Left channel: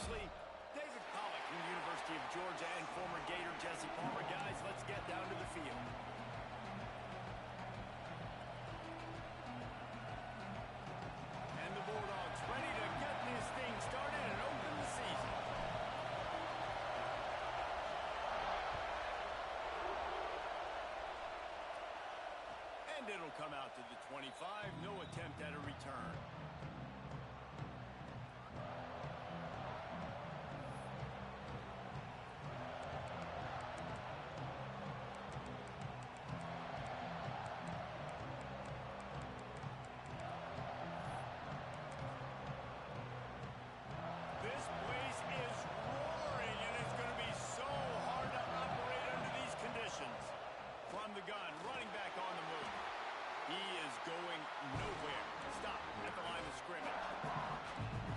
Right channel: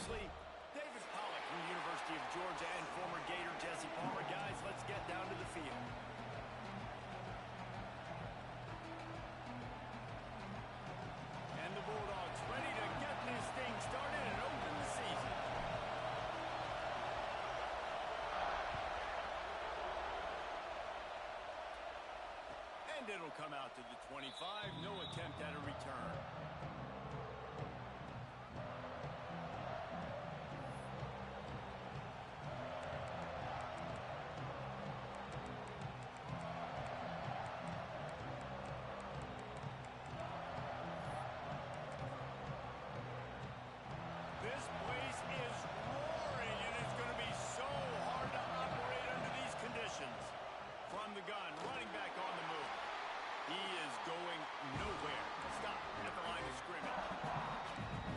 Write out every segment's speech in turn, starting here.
closely. David Pollack from the University of Georgia and former Gator Jesse Palmer. Guys, let's get down to the field. And the Bulldogs ready to get this thing started and open the season. And it'll come out to the 25. No attempt at a return. This place is roaring, and it's going to be so hard to operate under these conditions. From the gun, running back on the move. He is going nowhere. Stop at the line of scrimmage.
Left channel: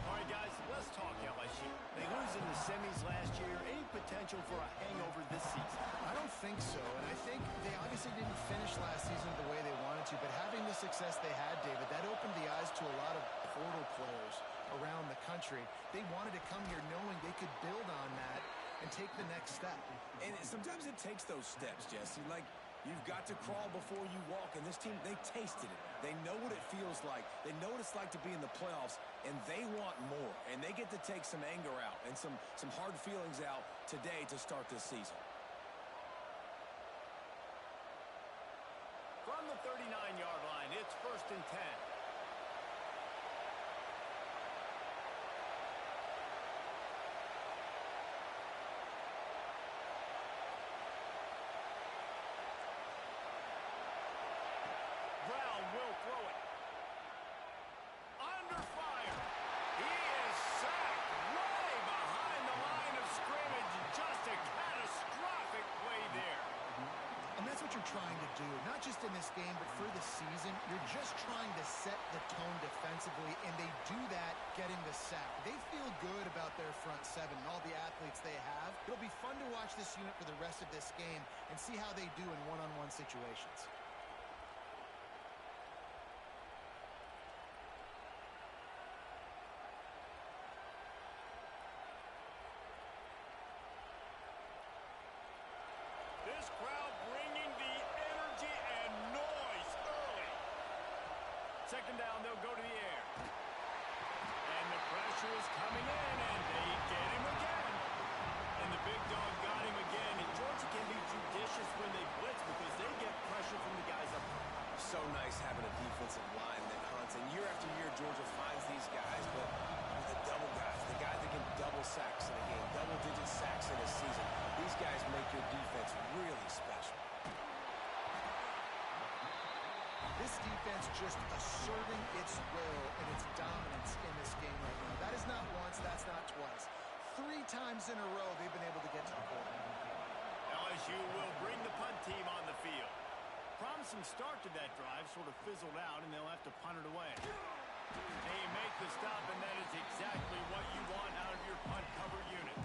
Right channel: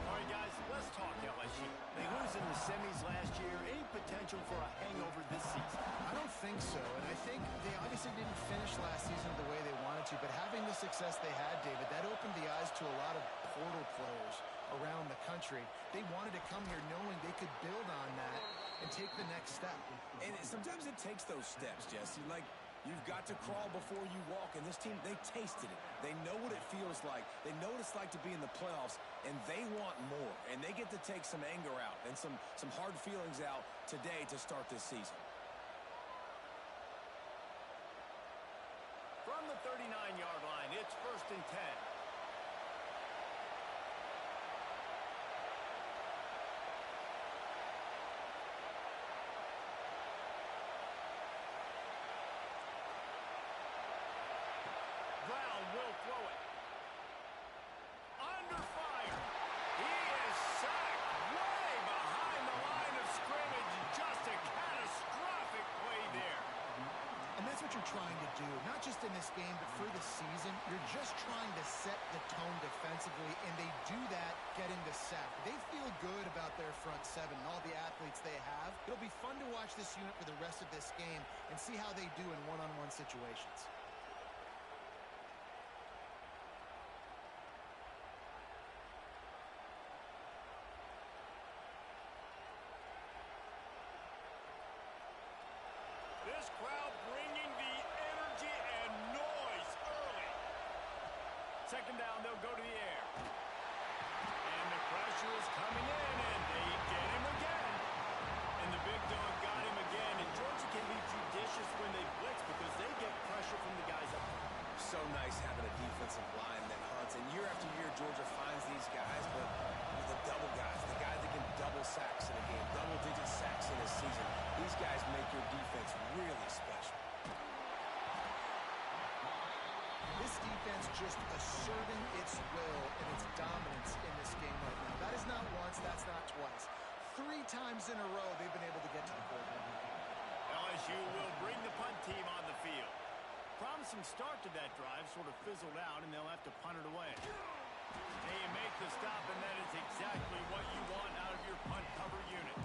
All right, guys, let's talk LSU. They lose in the semis last year. Any potential for a hangover this season? I don't think so, and I think they obviously didn't finish last season the way they wanted to, but having the success they had, David, that opened the eyes to a lot of portal players around the country. They wanted to come here knowing they could build on that and take the next step. And sometimes it takes those steps, Jesse. Like, you've got to crawl before you walk, and this team, they tasted it. They know what it feels like. They know what it's like to be in the playoffs, and they want more. And they get to take some anger out and some hard feelings out today to start this season. From the 39-yard line, it's 1st and 10. Brown will throw it. Under fire. He is sacked way behind the line of scrimmage. Just a catastrophic play there. And that's what you're trying to do, not just in this game, but for the season. You're just trying to set the tone defensively, and they do that getting the sack. They feel good about their front seven and all the athletes they have. It'll be fun to watch this unit for the rest of this game and see how they do in one-on-one situations. This crowd bringing the energy and noise early. 2nd down, they'll go to the air. And the pressure is coming in, and they get him again. And the big dog got him again. And Georgia can be judicious when they blitz because they get pressure from the guys up front. So nice having a defensive line that hunts. And year after year, Georgia finds these guys, but with the double guys, the guys that can double sacks in a game, double-digit sacks in a season, these guys make your defense really special. This defense just asserting its will and its dominance in this game right now. That is not once, that's not twice. 3 times in a row they've been able to get to the quarterback. LSU will bring the punt team on the field. Promising start to that drive, sort of fizzled out, and they'll have to punt it away. They make the stop, and that is exactly what you want out of your punt cover unit.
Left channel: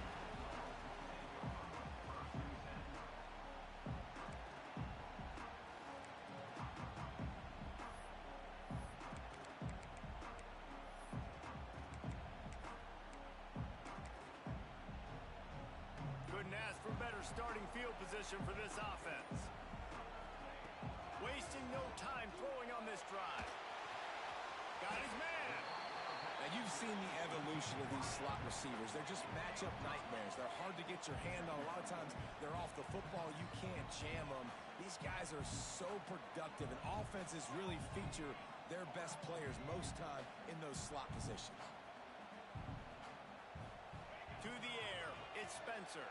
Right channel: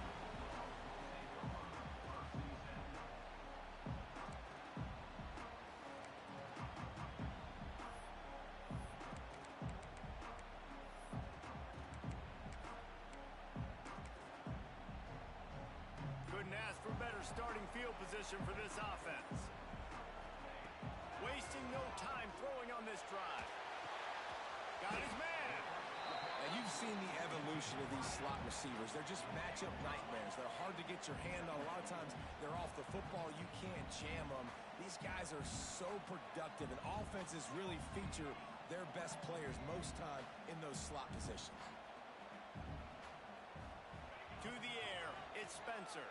Couldn't ask for better starting field position for this offense. Wasting no time throwing on this drive. Got his man. Now, you've seen the evolution of these slot receivers. They're just matchup nightmares. They're hard to get your hand on. A lot of times, they're off the football. You can't jam them. These guys are so productive, and offenses really feature their best players most time in those slot positions. To the air, it's Spencer.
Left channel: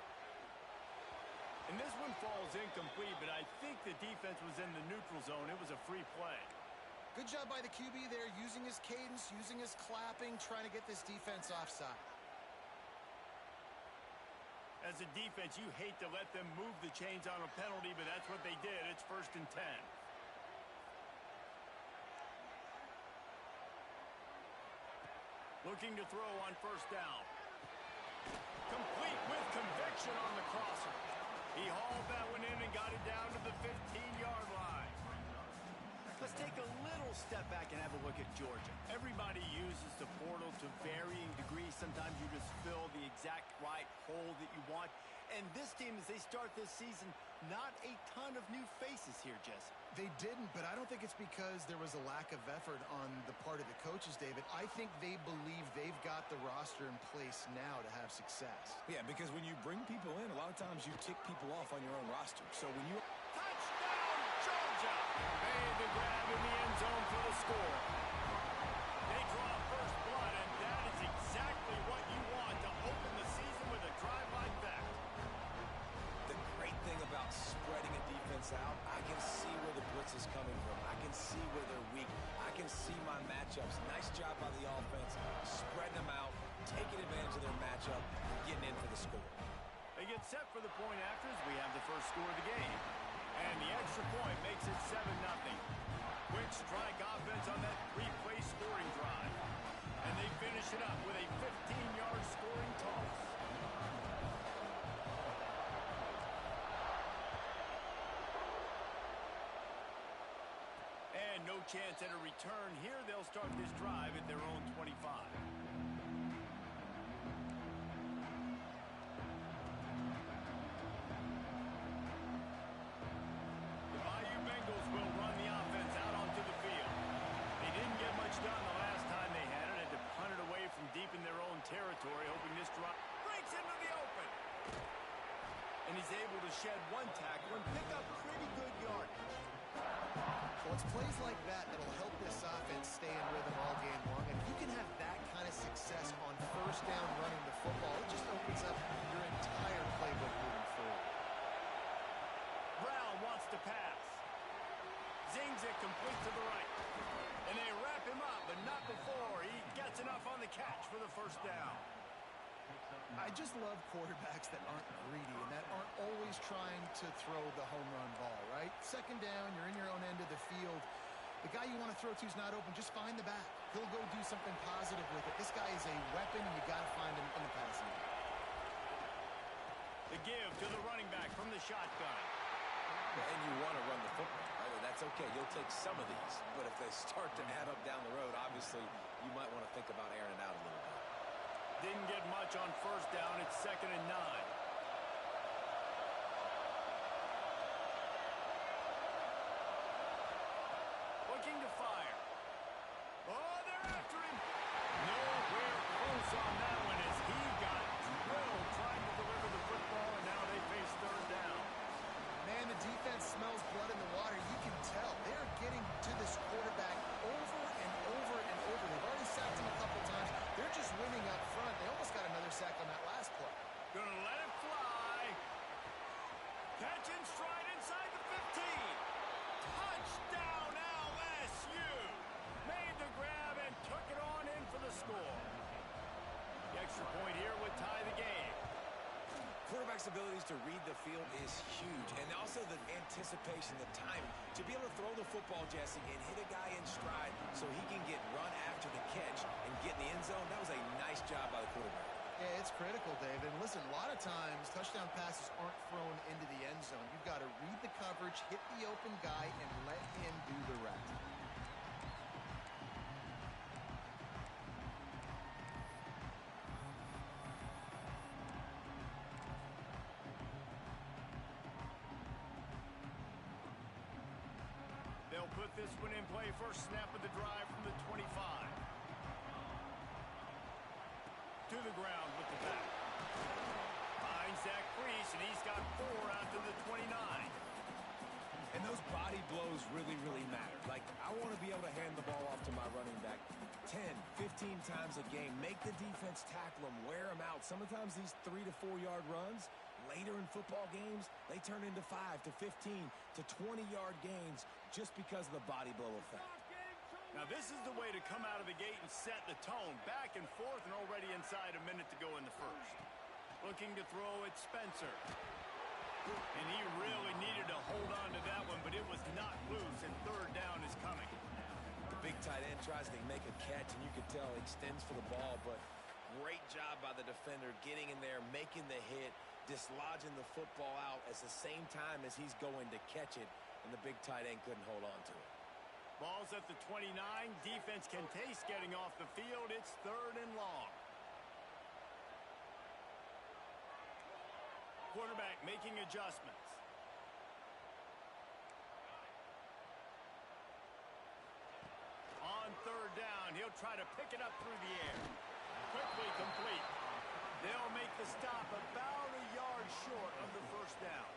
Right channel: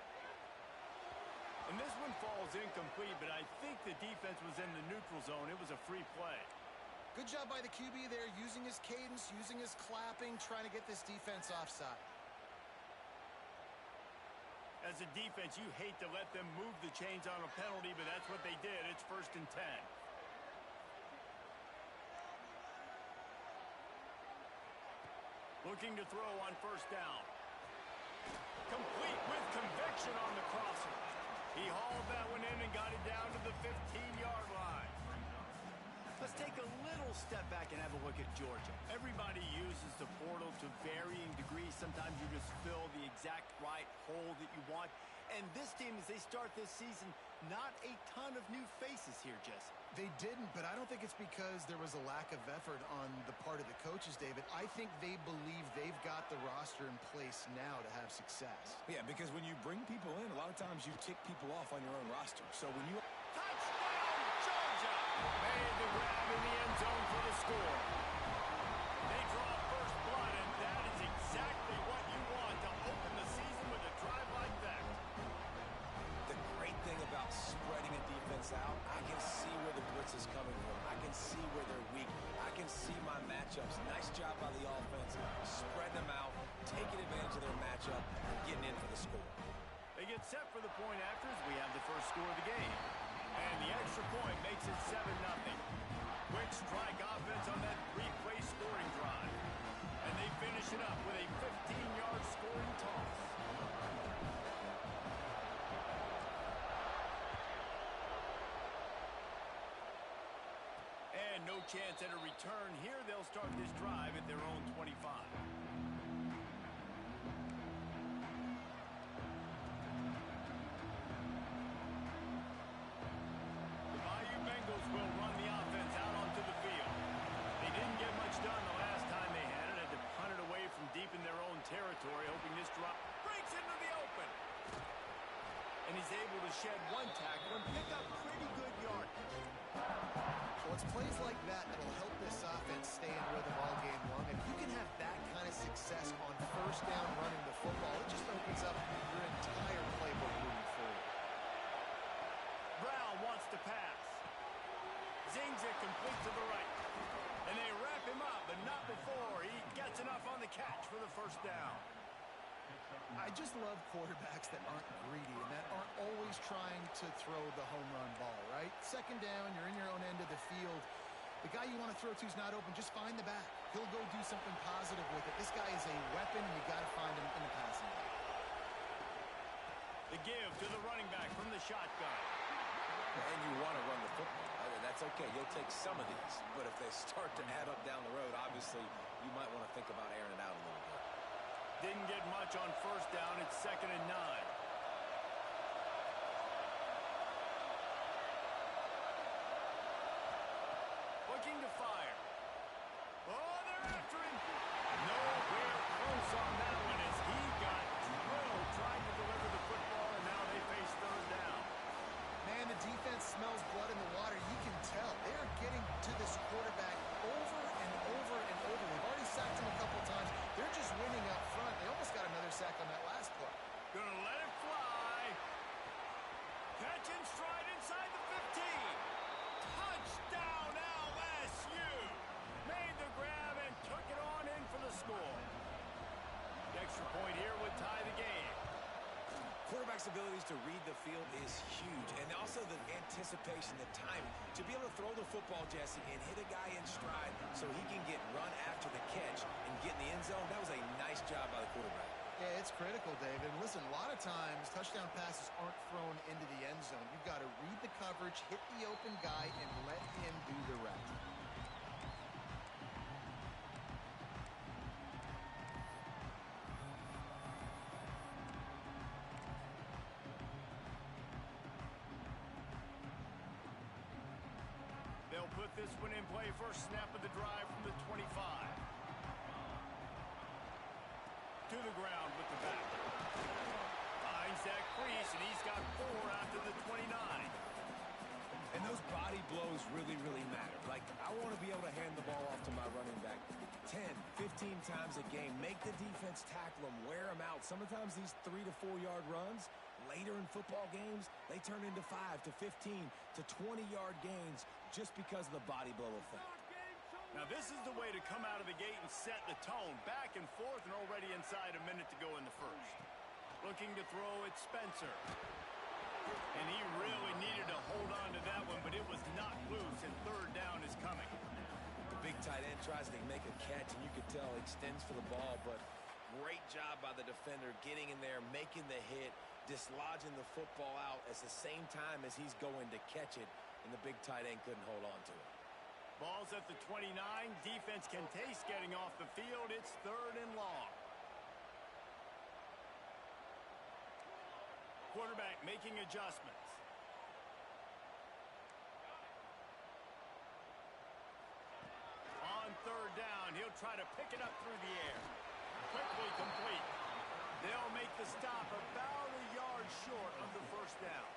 And this one falls incomplete, but I think the defense was in the neutral zone. It was a free play. Good job by the QB there, using his cadence, using his clapping, trying to get this defense offside. As a defense, you hate to let them move the chains on a penalty, but that's what they did. It's 1st and 10. Looking to throw on 1st down. Complete with conviction on the crosser. He hauled that one in and got it down to the 15-yard line. Let's take a little step back and have a look at Georgia. Everybody uses the portal to varying degrees. Sometimes you just fill the exact right hole that you want. And this team, as they start this season, not a ton of new faces here, Jesse. They didn't, but I don't think it's because there was a lack of effort on the part of the coaches, David. I think they believe they've got the roster in place now to have success. Yeah, because when you bring people in, a lot of times you tick people off on your own roster. So when you... Touchdown, Georgia! Made the grab in the end zone for the score. They draw first blood, and that is exactly what you want to open the season with a drive like that. The great thing about spreading a defense out, I can see where the blitz is coming from. I can see where they're weak. I can see my matchups. Nice job by the offense. Spread them out, taking advantage of their matchup, and getting in for the score. They get set for the point after as we have the first score of the game. And the extra point makes it 7-0. Quick strike offense on that three-play scoring drive. And they finish it up with a 15-yard scoring toss. And no chance at a return here. They'll start this drive at their own 25. Will run the offense out onto the field. They didn't get much done the last time they had it. Had to punt it away from deep in their own territory, hoping this drop breaks into the open. And he's able to shed one tackle and pick up pretty good yardage. Well, it's plays like that that'll help this offense stay in rhythm all game long. If you can have that kind of success on first down running the football, it just opens up your entire playbook moving forward. Brown wants to pass. Zings it complete to the right. And they wrap him up, but not before he gets enough on the catch for the first down. I just love quarterbacks that aren't greedy and that aren't always trying to throw the home run ball, right? Second down, you're in your own end of the field. The guy you want to throw to is not open. Just find the back. He'll go do something positive with it. This guy is a weapon, and you got to find him in the passing game. The give to the running back from the shotgun. And you want to run the football. That's okay. You'll take some of these. But if they start to add up down the road, obviously you might want to think about airing it out a little bit. Didn't get much on first down. It's 2nd and 9. Looking to fire. Oh, they're after him. Nowhere close on that one as he got drilled trying to deliver the football, and now they face third down. Man, the defense smells blood in the water. You can tell. They're getting to this quarterback over and over and over. They've already sacked him a couple times. They're just winning up front. They almost got another sack on that last play. Gonna let it fly. Catch in stride inside the 15. Touchdown LSU. Made the grab and took it on in for the score. The extra point here would tie the game. Quarterback's abilities to read the field is huge. And also the anticipation, the timing. To be able to throw the football, Jesse, and hit a guy in stride so he can get run after the catch and get in the end zone, that was a nice job by the quarterback. Yeah, it's critical, David. Listen, a lot of times touchdown passes aren't thrown into the end zone. You've got to read the coverage, hit the open guy, and let him do the rest. They'll put this one in play. First snap of the drive from the 25. To the ground with the back. Finds that crease, and he's got 4 out to the 29. And those body blows really, really matter. Like, I want to be able to hand the ball off to my running back 10, 15 times a game. Make the defense tackle them, wear them out. Sometimes these 3 to 4 yard runs, later in football games, they turn into 5 to 15 to 20-yard gains just because of the body blow effect. Now this is the way to come out of the gate and set the tone. Back and forth and already inside a minute to go in the first. Looking to throw at Spencer. And he really needed to hold on to that one, but it was not loose, and third down is coming. The big tight end tries to make a catch, and you can tell extends for the ball, but great job by the defender getting in there, making the hit, dislodging the football out at the same time as he's going to catch it, and the big tight end couldn't hold on to it. Ball's at the 29. Defense can taste getting off the field. It's 3rd and long. Quarterback making adjustments. On 3rd down, he'll try to pick it up through the air. Quickly complete. They'll make the stop about a yard short of the 1st down.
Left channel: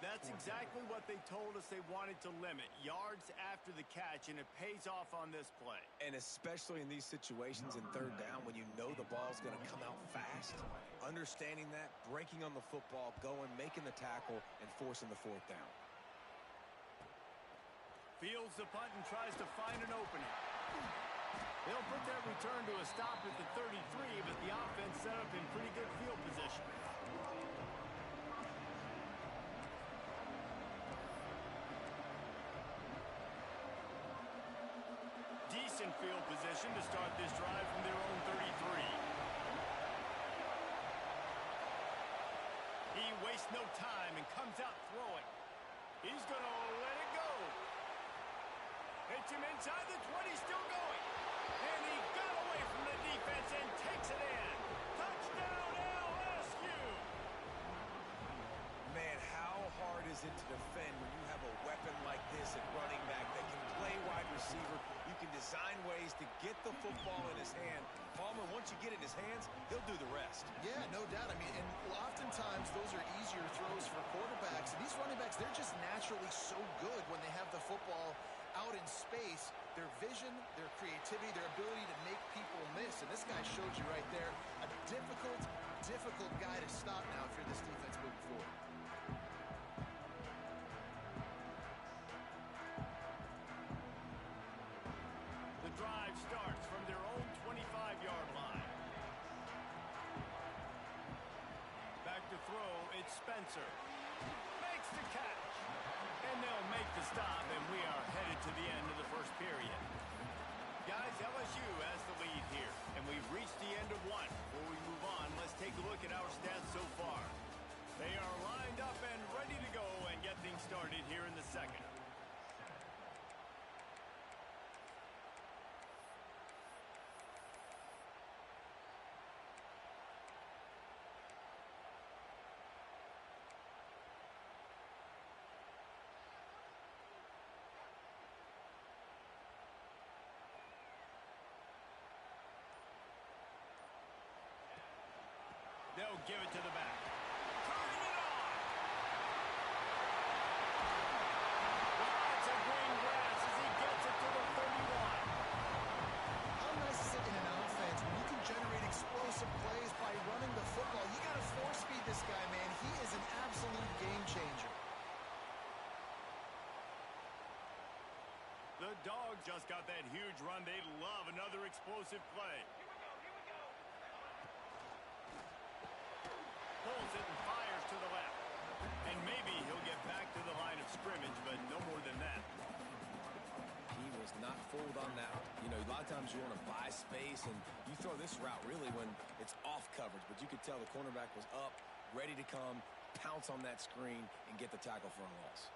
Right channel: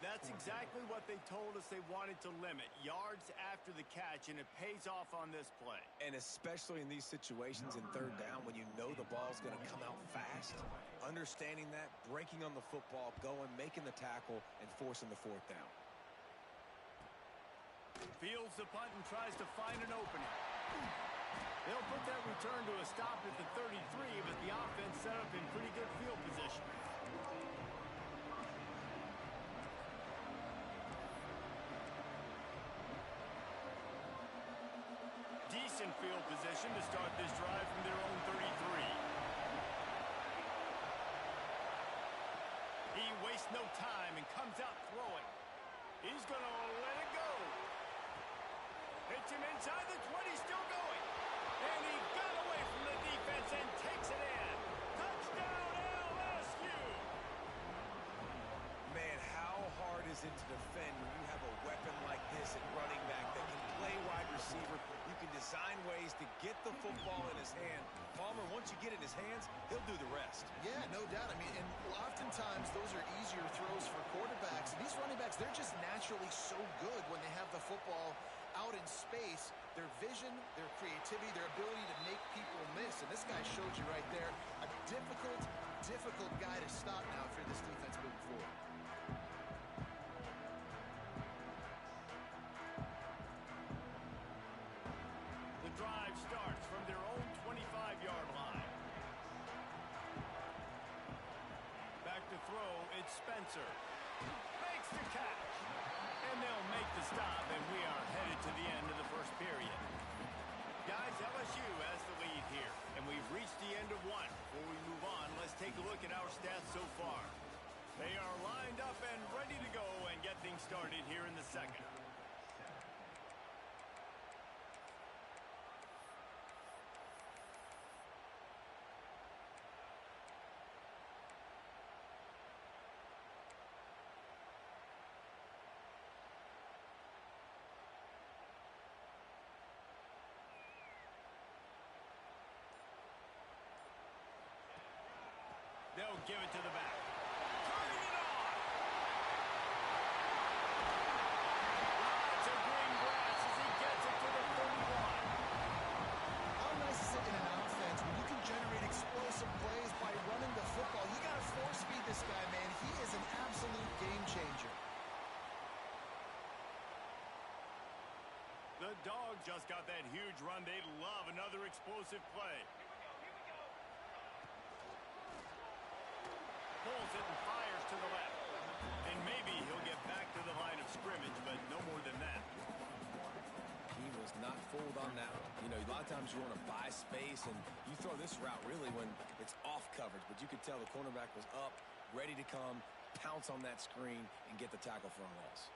That's exactly what they told us they wanted to limit. Yards after the catch, and it pays off on this play. And especially in these situations in 3rd down when you know the ball's going to come out fast, understanding that, breaking on the football, going, making the tackle, and forcing the 4th down. Fields the punt and tries to find an opening. They'll put that return to a stop at the 33, but the offense set up in pretty good field position. Decent field position to start this drive from their own 33. He wastes no time and comes out throwing. He's going to let it go. Hits him inside the 20, still going. And he got away from the defense and takes it in. Touchdown, LSU! Man, how hard is it to defend when you have a weapon like this at running back that can play wide receiver? You can design ways to get the football in his hand. Palmer, once you get it in his hands, he'll do the rest. Yeah, no doubt. I mean, and oftentimes those are easier throws for quarterbacks. And these running backs, they're just naturally so good when they have the football out in space. Their vision, their creativity, their ability to make people miss. And this guy showed you right there, a difficult guy to stop now if you're this defense moving forward. The drive starts from their own 25-yard line. Back to throw, it's Spencer. Makes the catch. And they'll make the stop, and we are headed to the end of the 1st period. Guys, LSU has the lead here, and we've reached the end of one. Before we move on, let's take a look at our stats so far. They are lined up and ready to go and get things started here in the 2nd. They'll give it to the back. Turning it on! Lots of green grass as he gets it to the 31. How nice is it in an offense when you can generate explosive plays by running the football? You got to force feed this guy, man. He is an absolute game changer. The Dogs just got that huge run. They love another explosive play. Pulls it and fires to the left. And maybe he'll get back to the line of scrimmage, but no more than that. He was not fooled on that one. You know, a lot of times you want to buy space, and you throw this route really when it's off coverage. But you could tell the cornerback was up, ready to come, pounce on that screen, and get the tackle for a loss.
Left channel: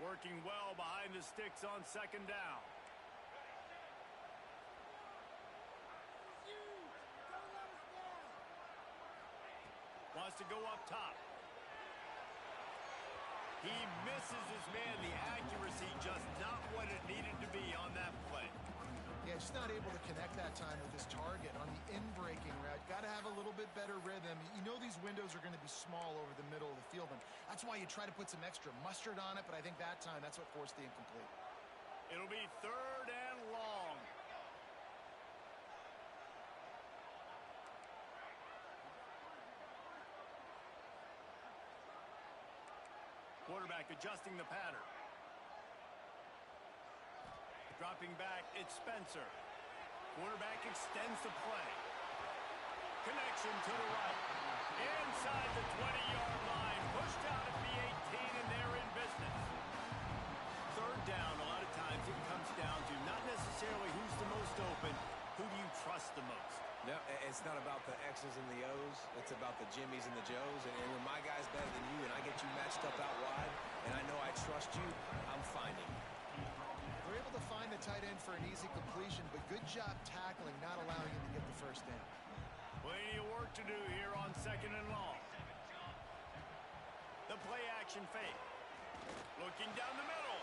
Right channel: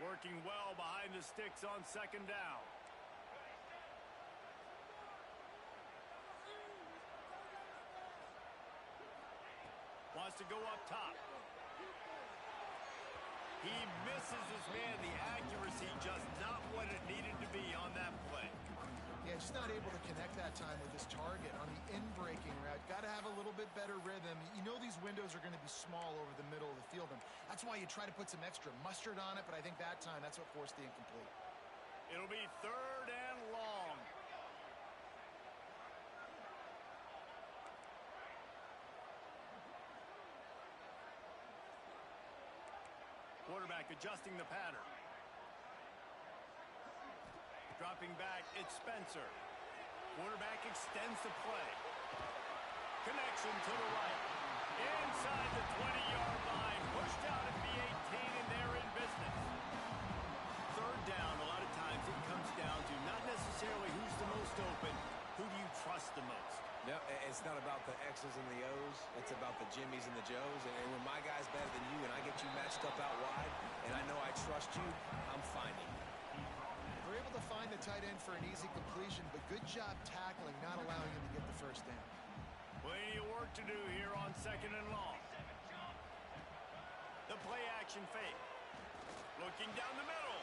Working well behind the sticks on 2nd down. Wants to go up top. He misses his man. The accuracy just not what it needed to be on that play. Yeah, just not able to connect that time with his target on the in-breaking route. Got to have a little bit better rhythm. You know these windows are going to be small over the middle of the field, and that's why you try to put some extra mustard on it, but I think that time that's what forced the incomplete. It'll be 3rd and long. Quarterback adjusting the pattern. Dropping back, it's Spencer. Quarterback extends the play. Connection to the right. Inside the 20-yard line. Pushed out at the 18, and they're in business. 3rd down, a lot of times it comes down to not necessarily who's the most open, who do you trust the most? No, it's not about the X's and the O's. It's about the Jimmies and the Joes. And when my guy's better than you and I get you matched up out wide and I know I trust you, I'm finding you. They're able to find the tight end for an easy completion, but good job tackling, not allowing him to get the first down. Plenty of work to do here on 2nd and long. The play action fake. Looking down the middle.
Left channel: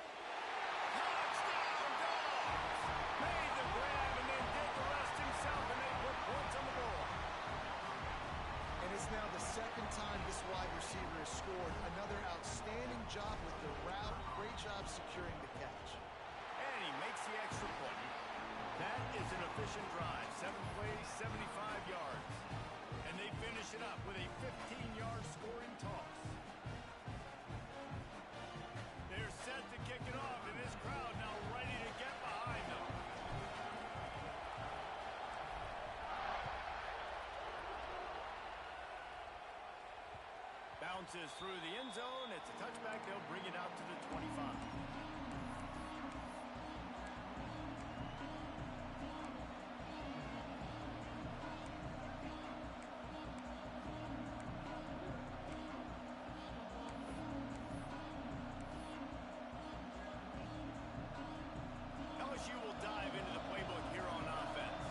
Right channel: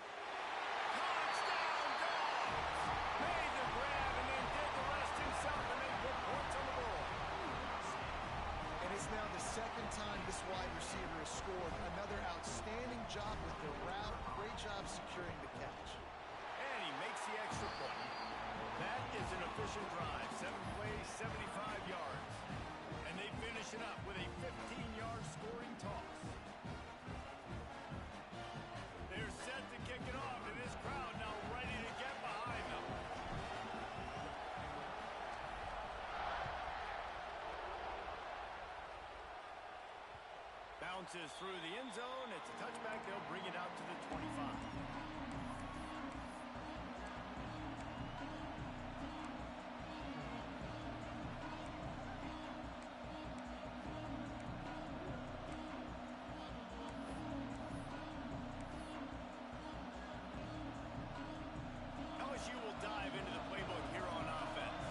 Touchdown, Dogs! Made the grab and then did the rest himself, and they put points on the board. And it's now the 2nd time this wide receiver has scored. Another outstanding job with the route. Great job securing the catch. And he makes the extra point. That is an efficient drive. 7 plays, 75 yards. And they finish it up with a 15-yard scoring toss. They're set to kick it off, and this crowd now ready to get behind them. Bounces through the end zone. It's a touchback. They'll bring it out to the 25. LSU will dive into the playbook here on offense.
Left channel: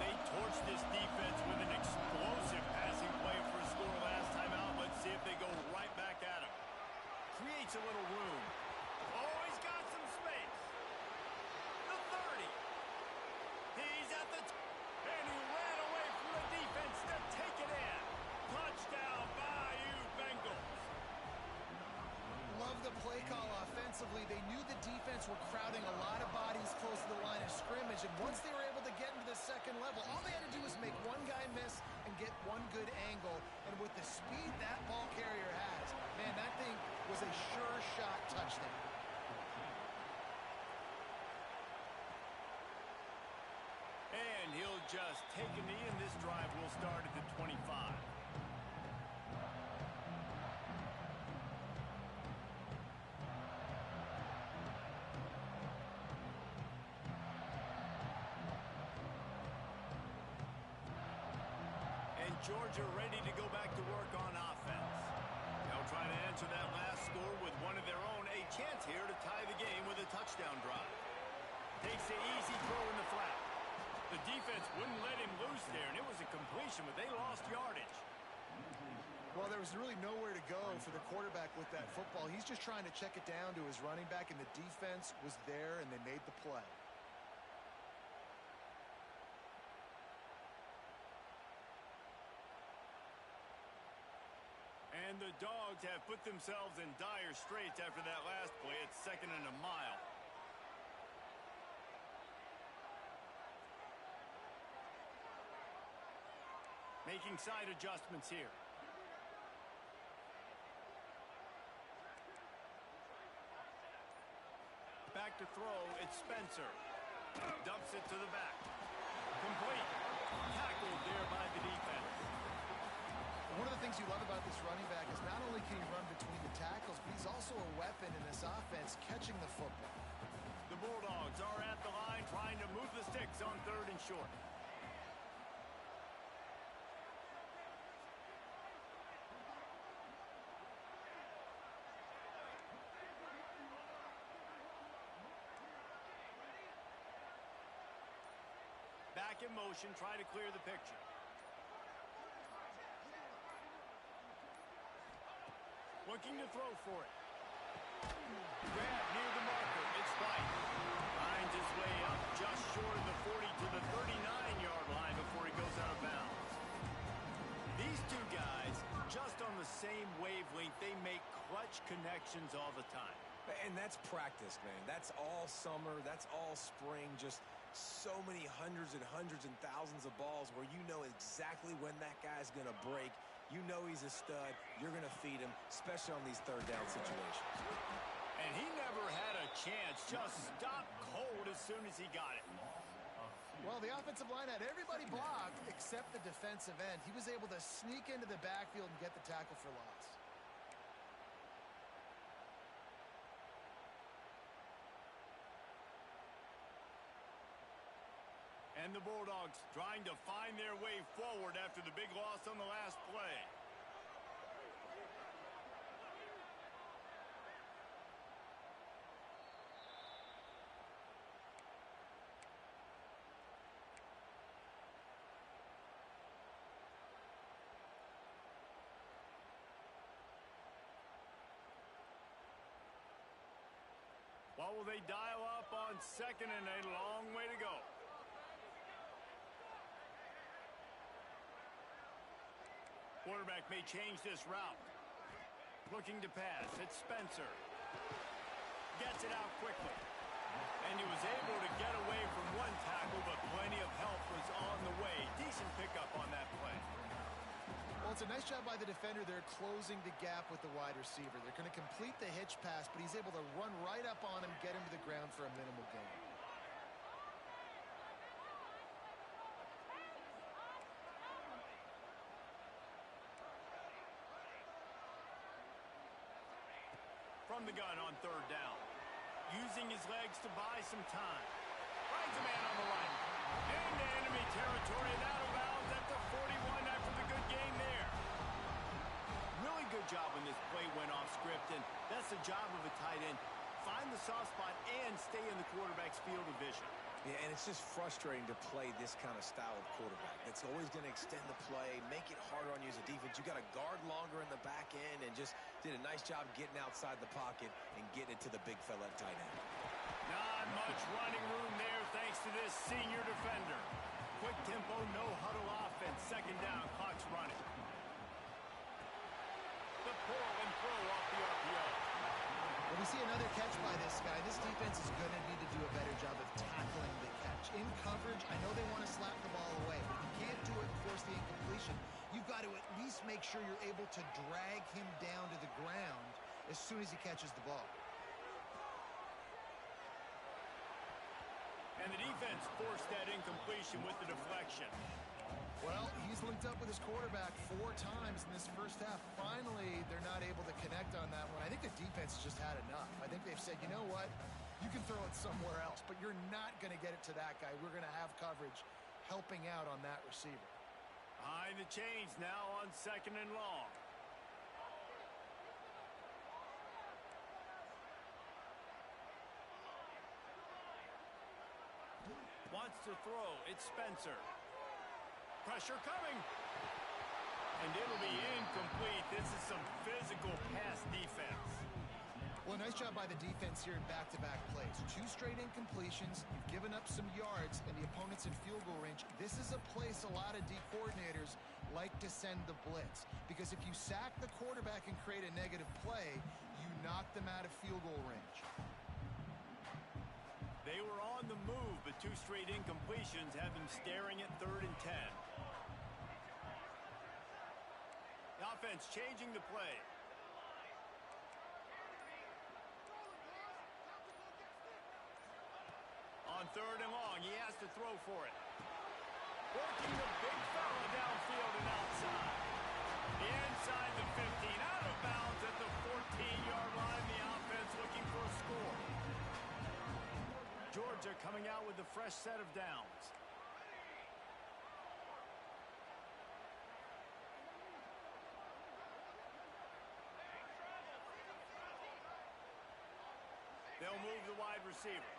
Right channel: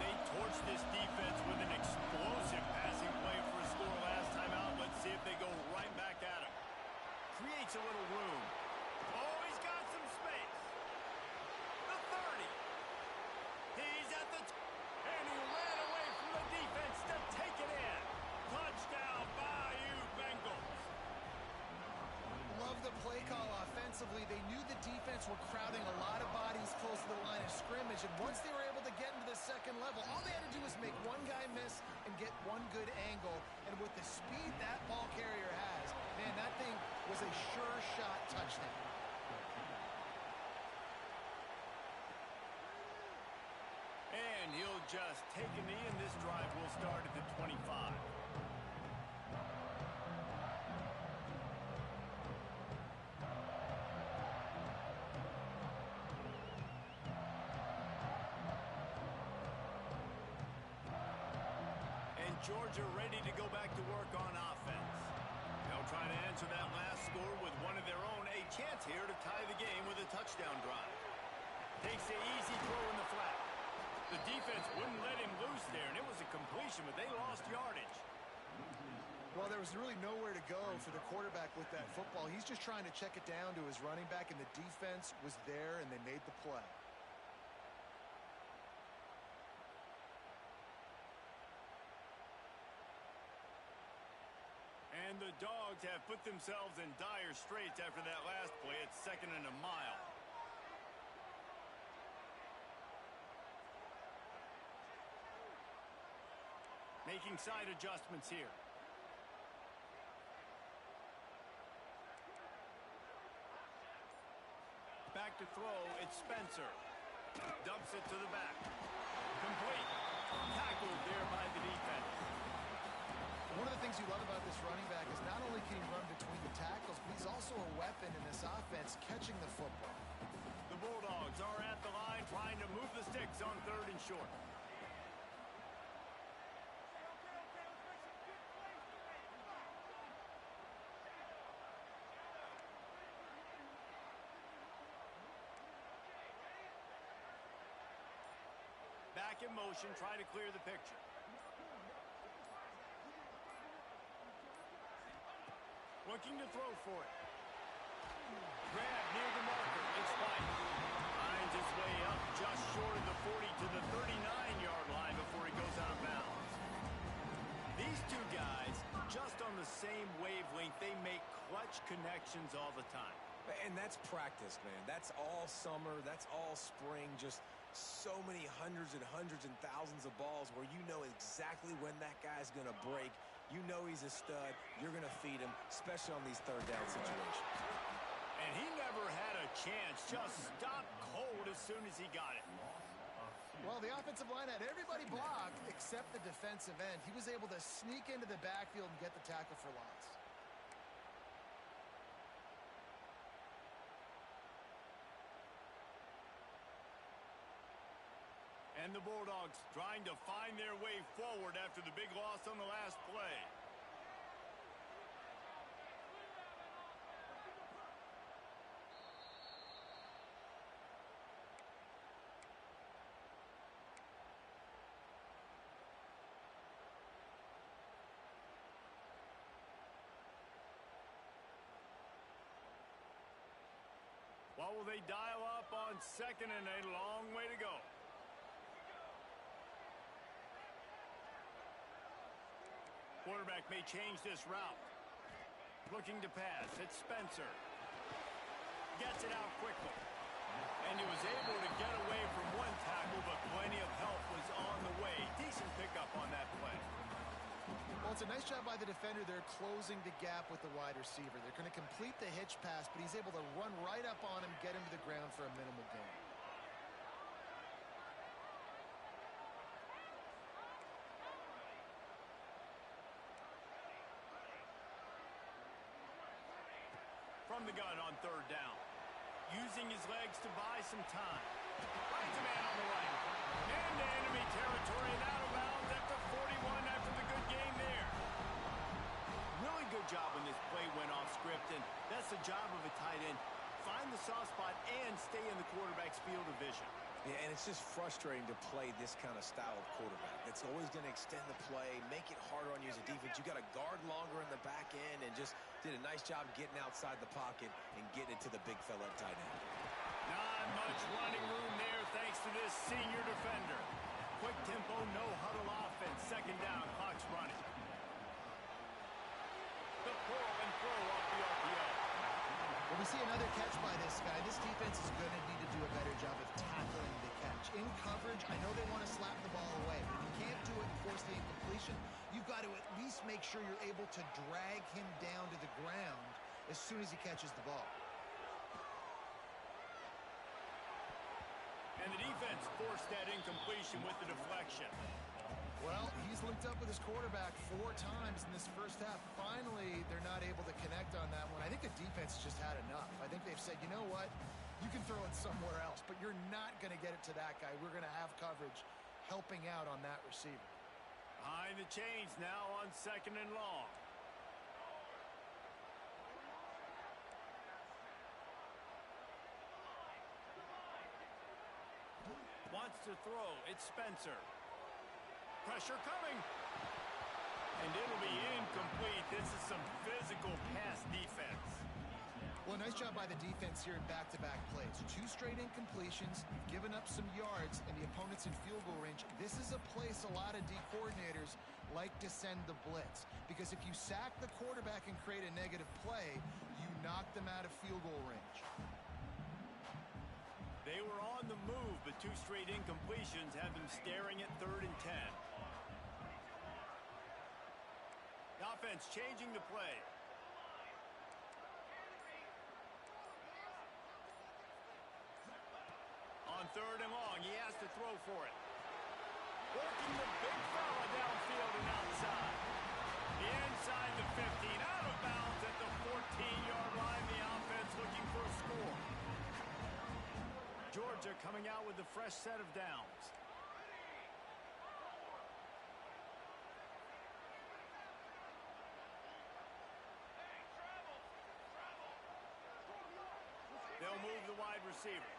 They torched this defense with an explosive passing play for a score last time out. Let's see if they go right back at him. Creates a little room. Oh, he's got some space. The 30. He's at the... and he ran away from the defense to take it in. Touchdown, Bayou Bengals. Love the play call offensively. They knew the defense were crowding a lot of bodies close to the line of scrimmage, and once they were able to get into the 2nd level, all they had to do was make one guy miss and get one good angle, and with the speed that ball carrier has, man, that thing was a sure shot touchdown. And he'll just take a knee, and this drive will start at the 25. Georgia ready to go back to work on offense. They'll try to answer that last score with one of their own. A chance here to tie the game with a touchdown drive. Takes the easy throw in the flat. The defense wouldn't let him loose there, and it was a completion, but they lost yardage. Well, there was really nowhere to go for the quarterback with that football. He's just trying to check it down to his running back, and the defense was there, and they made the play. And the Dogs have put themselves in dire straits after that last play. It's 2nd and a mile. Making side adjustments here. Back to throw, it's Spencer. Dumps it to the back. Complete. Tackled there by the defense. One of the things you love about this running back is not only can he run between the tackles, but he's also a weapon in this offense, catching the football. The Bulldogs are at the line trying to move the sticks on 3rd and short. Back in motion, try to clear the picture. Looking to throw for it. grab near the marker. It's White. Finds his way up just short of the 40 to the 39-yard line before he goes out of bounds. These two guys, just on the same wavelength, they make clutch connections all the time. And that's practice, man. That's all summer. That's all spring. Just so many hundreds and thousands of balls where you know exactly when that guy's going to break. You know he's a stud. You're going to feed him, especially on these third down situations. And he never had a chance. Just stopped cold as soon as he got it. Well, the offensive line had everybody blocked except the defensive end. He was able to sneak into the backfield and get the tackle for loss. And the Bulldogs trying to find their way forward after the big loss on the last play. What will they dial up on second and a long way to go? Quarterback may change this route. Looking to pass. It's Spencer. Gets it out quickly. And he was able to get away from one tackle, but plenty of help was on the way. Decent pickup on that play. Well, it's a nice job by the defender. They're closing the gap with the wide receiver. They're going to complete the hitch pass, but he's able to run right up on him, get him to the ground for a minimal gain. From the gun on third down. Using his legs to buy some time. Finds a man on the right. Into enemy territory and out of bounds at the 41 after the good game there. Really good job when this play went off script, and that's the job of a tight end. Find the soft spot and stay in the quarterback's field of vision. Yeah, and it's just frustrating to play this kind of style of quarterback. That's always going to extend the play, make it harder on you as a defense. You got to guard longer in the back end, and just did a nice job getting outside the pocket and getting it to the big fella at tight end. Not much running room there thanks to this senior defender. Quick tempo, no huddle offense. Second down, clock's running. The pull and throw off the RPO. Well, we see another catch by this guy. This defense is going to need to do a better job of tackling the catch. In coverage, I know they want to slap the ball away, but if you can't do it and force the incompletion, you've got to at least make sure you're able to drag him down to the ground as soon as he catches the ball. And the defense forced that incompletion with the deflection. Well, he's linked up with his quarterback 4 times in this first half. Finally, they're not able to connect on that one. I think the defense just had enough. I think they've said, you know what? You can throw it somewhere else, but you're not going to get it to that guy. We're going to have coverage helping out on that receiver. Behind the chains now on second and long. Wants to throw. It's Spencer. Pressure coming. And it'll be incomplete. This is some physical pass defense. Well, nice job by the defense here in back-to-back plays. 2 straight incompletions. You've given up some yards, and the opponent's in field goal range. This is a place a lot of D coordinators like to send the blitz. Because if you sack the quarterback and create a negative play, you knock them out of field goal range. They were on the move, but 2 straight incompletions have them staring at 3rd and 10. The offense changing the play. On 3rd and long, he has to throw for it. Working the big fella downfield and outside. Inside the 15, out of bounds at the 14-yard line. The offense looking for a score. Georgia coming out with a fresh set of downs. They'll move the wide receiver.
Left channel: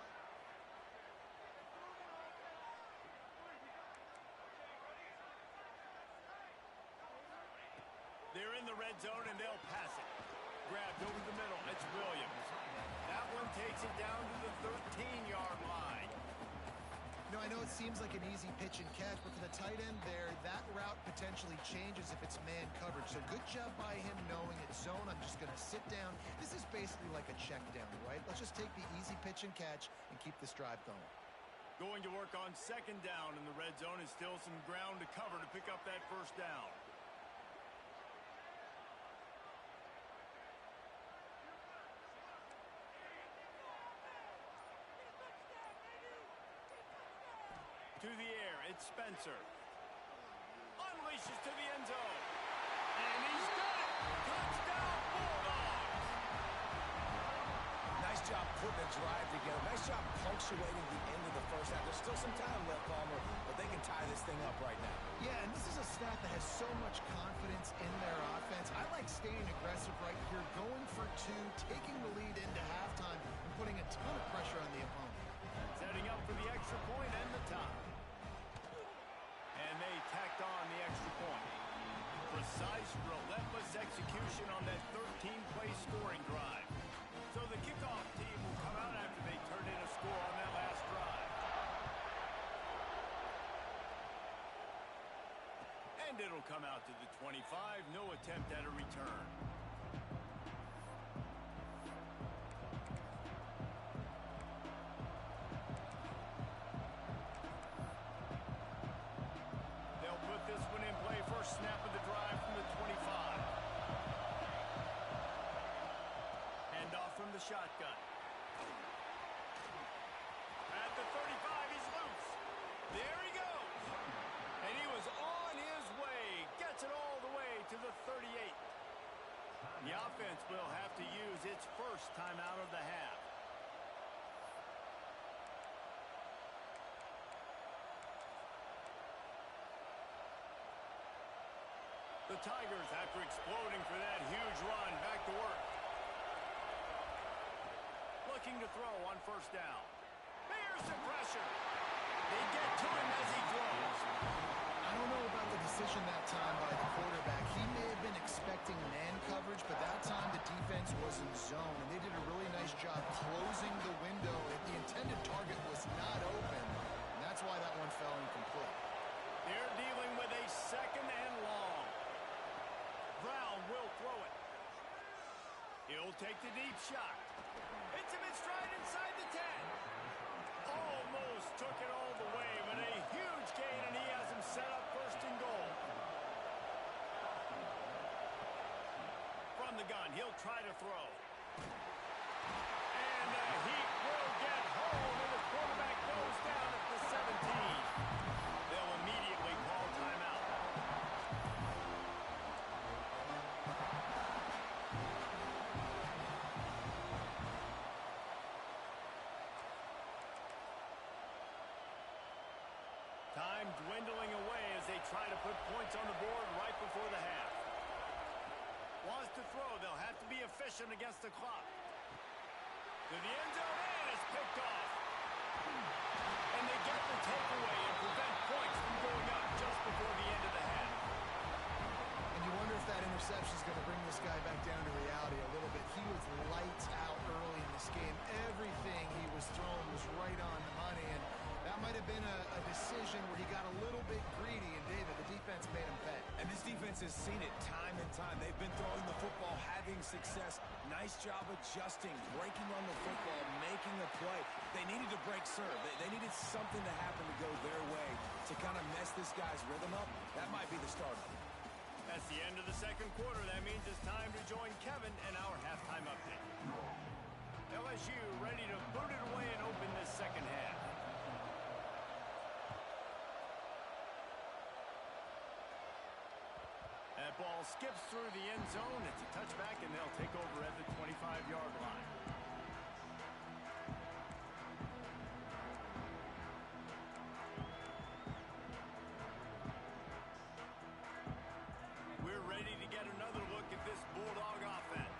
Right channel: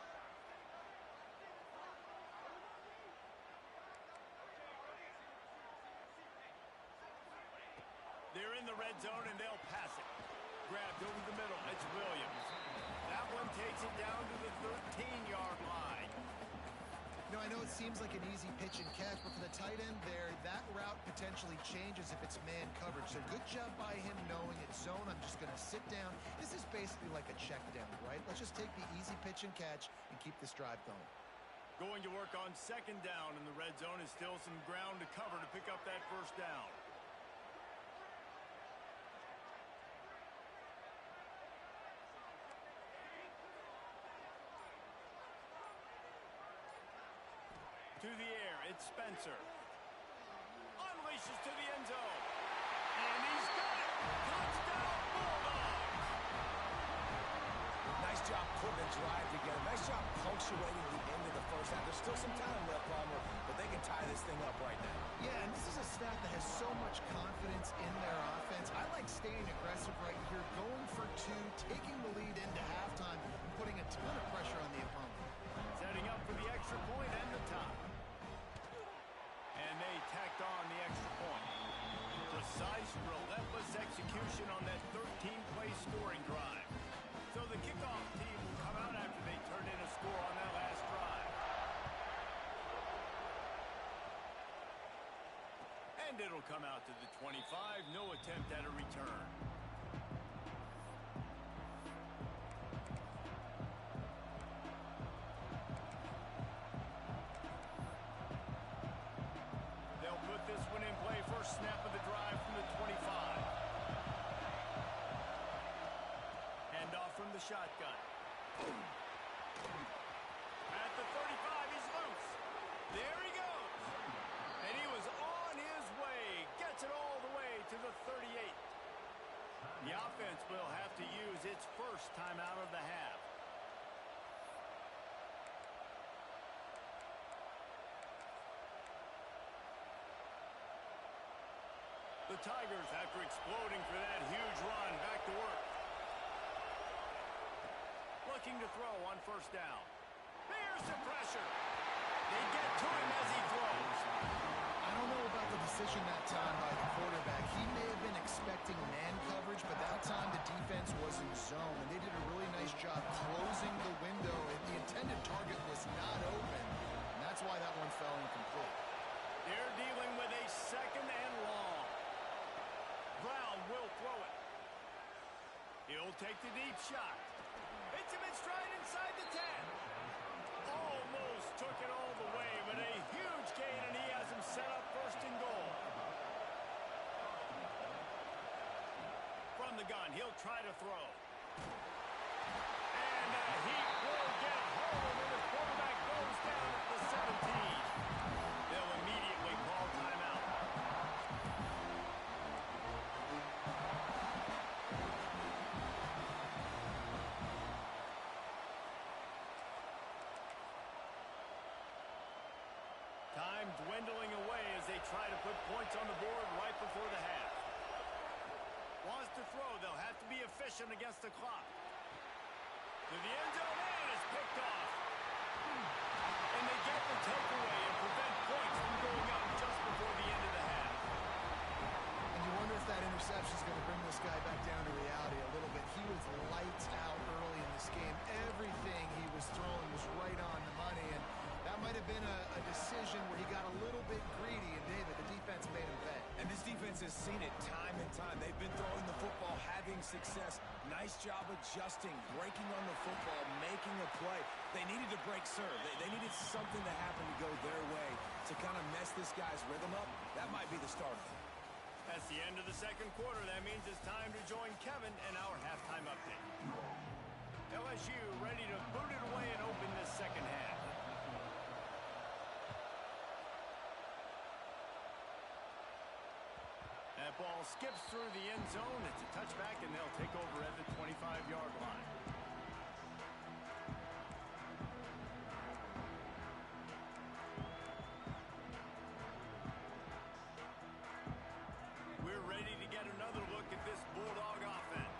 They're in the red zone, and they'll pass it. grabbed over the middle. It's Williams. That one takes it down to the 13-yard line. You know, I know it seems like an easy pitch and catch, but for the tight end there, that route potentially changes if it's man coverage. So good job by him knowing it's zone. I'm just going to sit down. This is basically like a check down, right? Let's just take the easy pitch and catch and keep this drive going. Going to work on second down in the red zone is still some ground to cover to pick up that first down. To the air, it's Spencer. Unleashes to the end zone. And he's got it! Touchdown, Bulldogs! Nice job putting the drive together. Nice job punctuating the end of the first half. There's still some time left, Palmer, but they can tie this thing up right now. Yeah, and this is a staff that has so much confidence in their offense. I like staying aggressive right here, going for two, taking the lead into halftime, and putting a ton of pressure on the opponent. Setting up for the extra point and the top. And they tacked on the extra point. Precise, relentless execution on that 13-play scoring drive. So the kickoff team will come out after they turn in a score on that last drive. And it'll come out to the 25. No attempt at a return. Snap of the drive from the 25. Hand off from the shotgun. At the 35, he's loose. There he goes. And he was on his way. Gets it all the way to the 38. The offense will have to use its first timeout of the half. The Tigers, after exploding for that huge run, back to work. Looking to throw on first down. Here's the pressure. They get to him as he throws. I don't know about the decision that time by the quarterback. He may have been expecting man coverage, but that time the defense was in zone, and they did a really nice job closing the window. The intended target was not open, and that's why that one fell incomplete. They're dealing with a second and long. Brown will throw it. He'll take the deep shot. Hits him in stride inside the 10. Almost took it all the way, but a huge gain, and he has him set up first and goal. From the gun, he'll try to throw. And the heat will get home, and the quarterback goes down at the 17. They'll immediately call timeout. Time dwindling away as they try to put points on the board right before the half. Wants to throw. They'll have to be efficient against the clock. To the end zone, and it's picked off. And they get the takeaway and prevent points from going up just before the end of the half. And you wonder if that interception is going to bring this guy back down to reality a little bit. He was lights out early in this game. Everything he was throwing was right on the money, and that might have been a decision where he got a little bit greedy, and David, the defense made him pay. And this defense has seen it time and time. They've been throwing the football, having success. Nice job adjusting, breaking on the football, making a play. They needed to break serve. They needed something to happen to go their way to kind of mess this guy's rhythm up. That might be the start of it. That's the end of the second quarter. That means it's time to join Kevin in our halftime update. LSU ready to boot it away and open this second half. That ball skips through the end zone. It's a touchback, and they'll take over at the 25-yard line. We're ready to get another look at this Bulldog offense.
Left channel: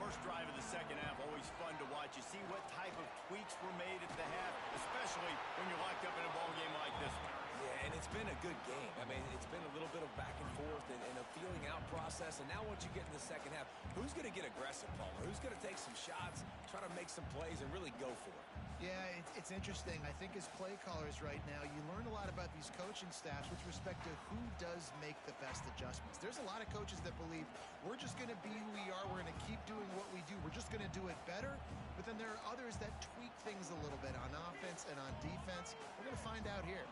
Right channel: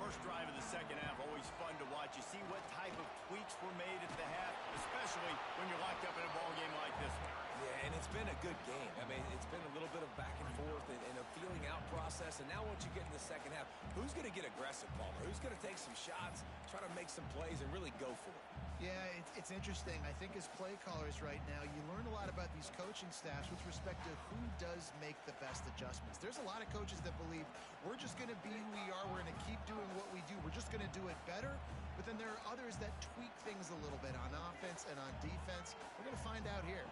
First drive of the second half, always fun to watch. You see what type of tweaks were made at the half, especially when you're locked up in a ball game like this one. Yeah, and it's been a good game. I mean, it's been a little bit of back and forth and a feeling out process. process. And now once you get in the second half, who's going to get aggressive, Palmer? Who's going to take some shots, try to make some plays, and really go for it? Yeah, it's interesting. I think as play callers right now, you learn a lot about these coaching staffs with respect to who does make the best adjustments. There's a lot of coaches that believe we're just going to be who we are. We're going to keep doing what we do. We're just going to do it better. But then there are others that tweak things a little bit on offense and on defense. We're going to find out here.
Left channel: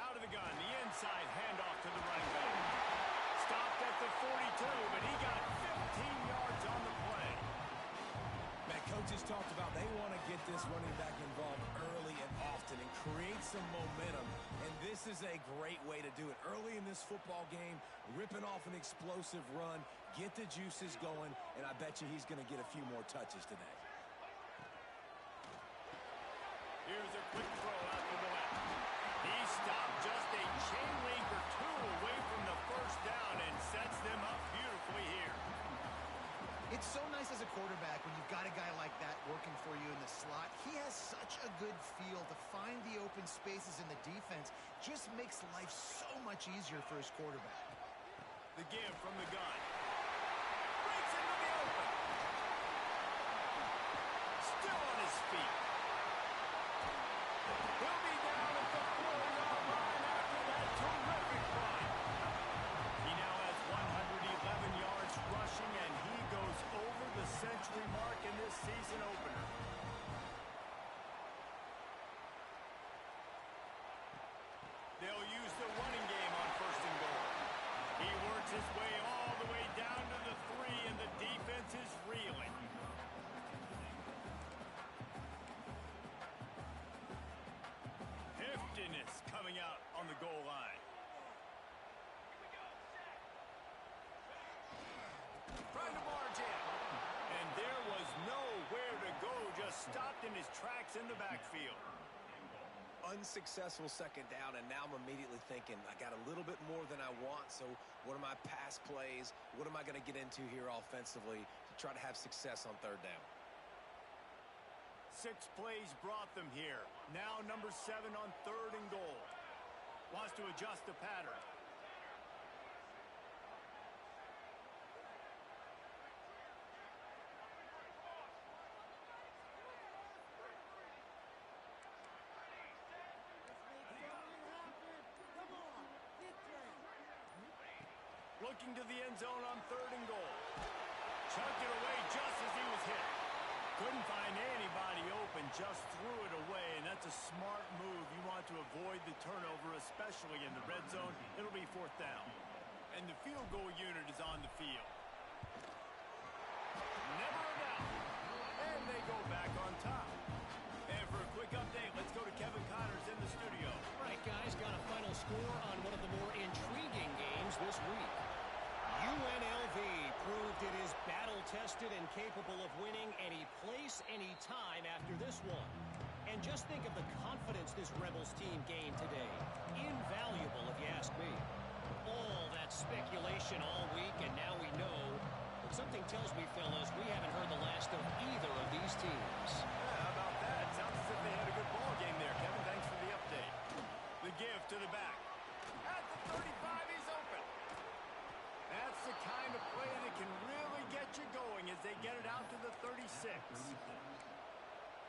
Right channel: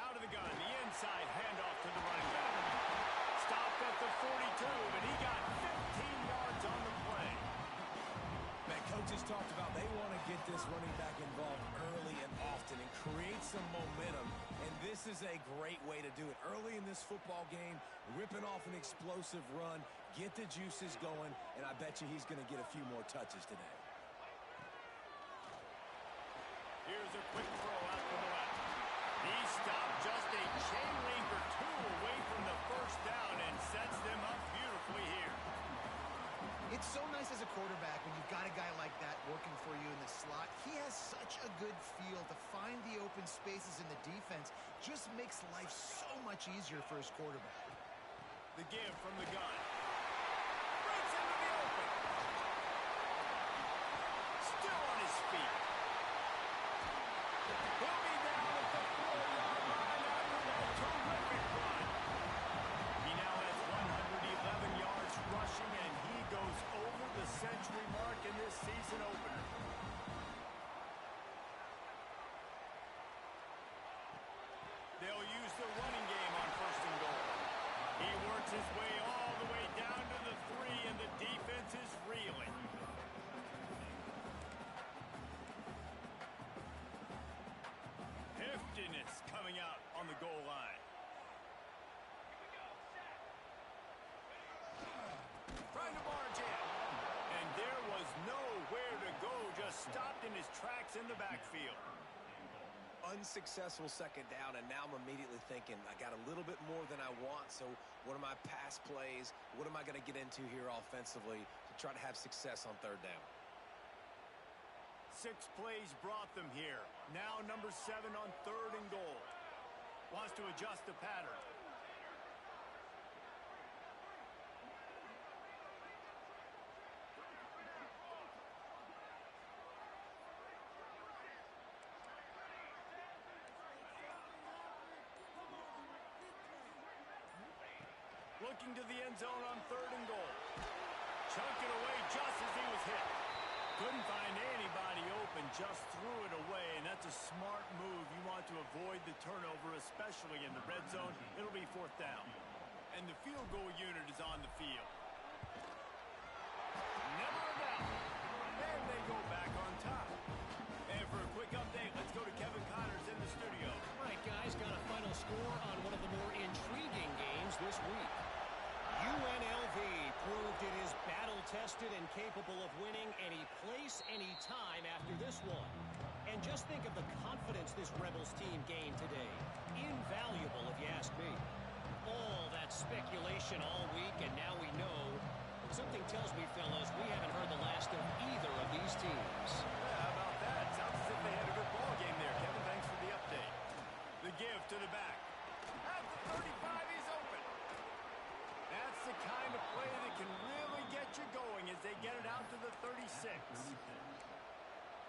Out of the gun, the inside handoff to the running back. Stopped at the 42, but he got 15 yards on the play. Man, coaches talked about they want to get this running back involved early and often and create some momentum, and this is a great way to do it. Early in this football game, ripping off an explosive run, get the juices going, and I bet you he's going to get a few more touches today. Here's a quick throw out to the left. He stopped just a chain link or two away from the first down and sets them up beautifully here. It's so nice as a quarterback when you've got a guy like that working for you in the slot. He has such a good feel to find the open spaces in the defense. Just makes life so much easier for his quarterback. The give from the gun. Breaks into the open. Still on his feet. He'll be down at the 4-yard line after that terrific run. He now has 111 yards rushing, and he goes over the century mark in this season opener. They'll use the running game on first and goal. He works his way all the way down to the 3, and the defense is reeling. Heftiness coming out on the goal line. Trying to barge in. And there was nowhere to go, just stopped in his tracks in the backfield. Unsuccessful second down, and now I'm immediately thinking, I got a little bit more than I want, so what are my pass plays? What am I going to get into here offensively to try to have success on third down? 6 plays brought them here. Now number 7 on third and goal. Wants to adjust the pattern. Looking to the end zone on third and goal. Chucked it away just as he was hit. Couldn't find anybody open, just threw it away, and that's a smart move. You want to avoid the turnover, especially in the red zone. It'll be 4th down. And the field goal unit is on the field. Never a doubt. And they go back on top. And for a quick update, let's go to Kevin Connors in the studio. All right, guys, got a final score on one of the more intriguing games this week. UNLV proved it is battle-tested and capable of winning any place, any time after this one. And just think of the confidence this Rebels team gained today. Invaluable, if you ask me. All that speculation all week, and now we know. But something tells me, fellas, we haven't heard the last of either of these teams. Yeah, how about that? Sounds as if they had a good ball game there. Kevin, thanks for the update. The give to the back. At the 35, he's open. That's the kind of play that can really get you going as they get it out to the 36.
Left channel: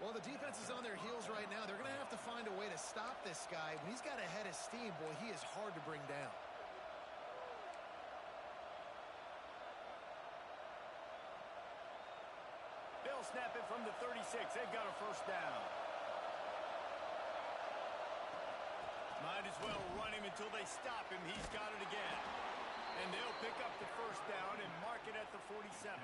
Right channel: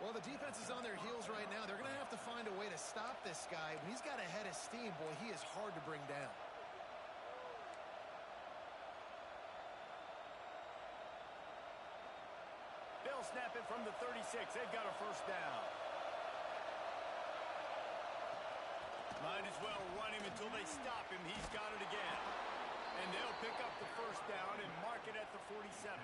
Well, the defense is on their heels right now. They're going to have to find a way to stop this guy. When he's got a head of steam, boy, he is hard to bring down. They'll snap it from the 36. They've got a first down. Might as well run him until they stop him. He's got it again. And they'll pick up the first down and mark it at the 47.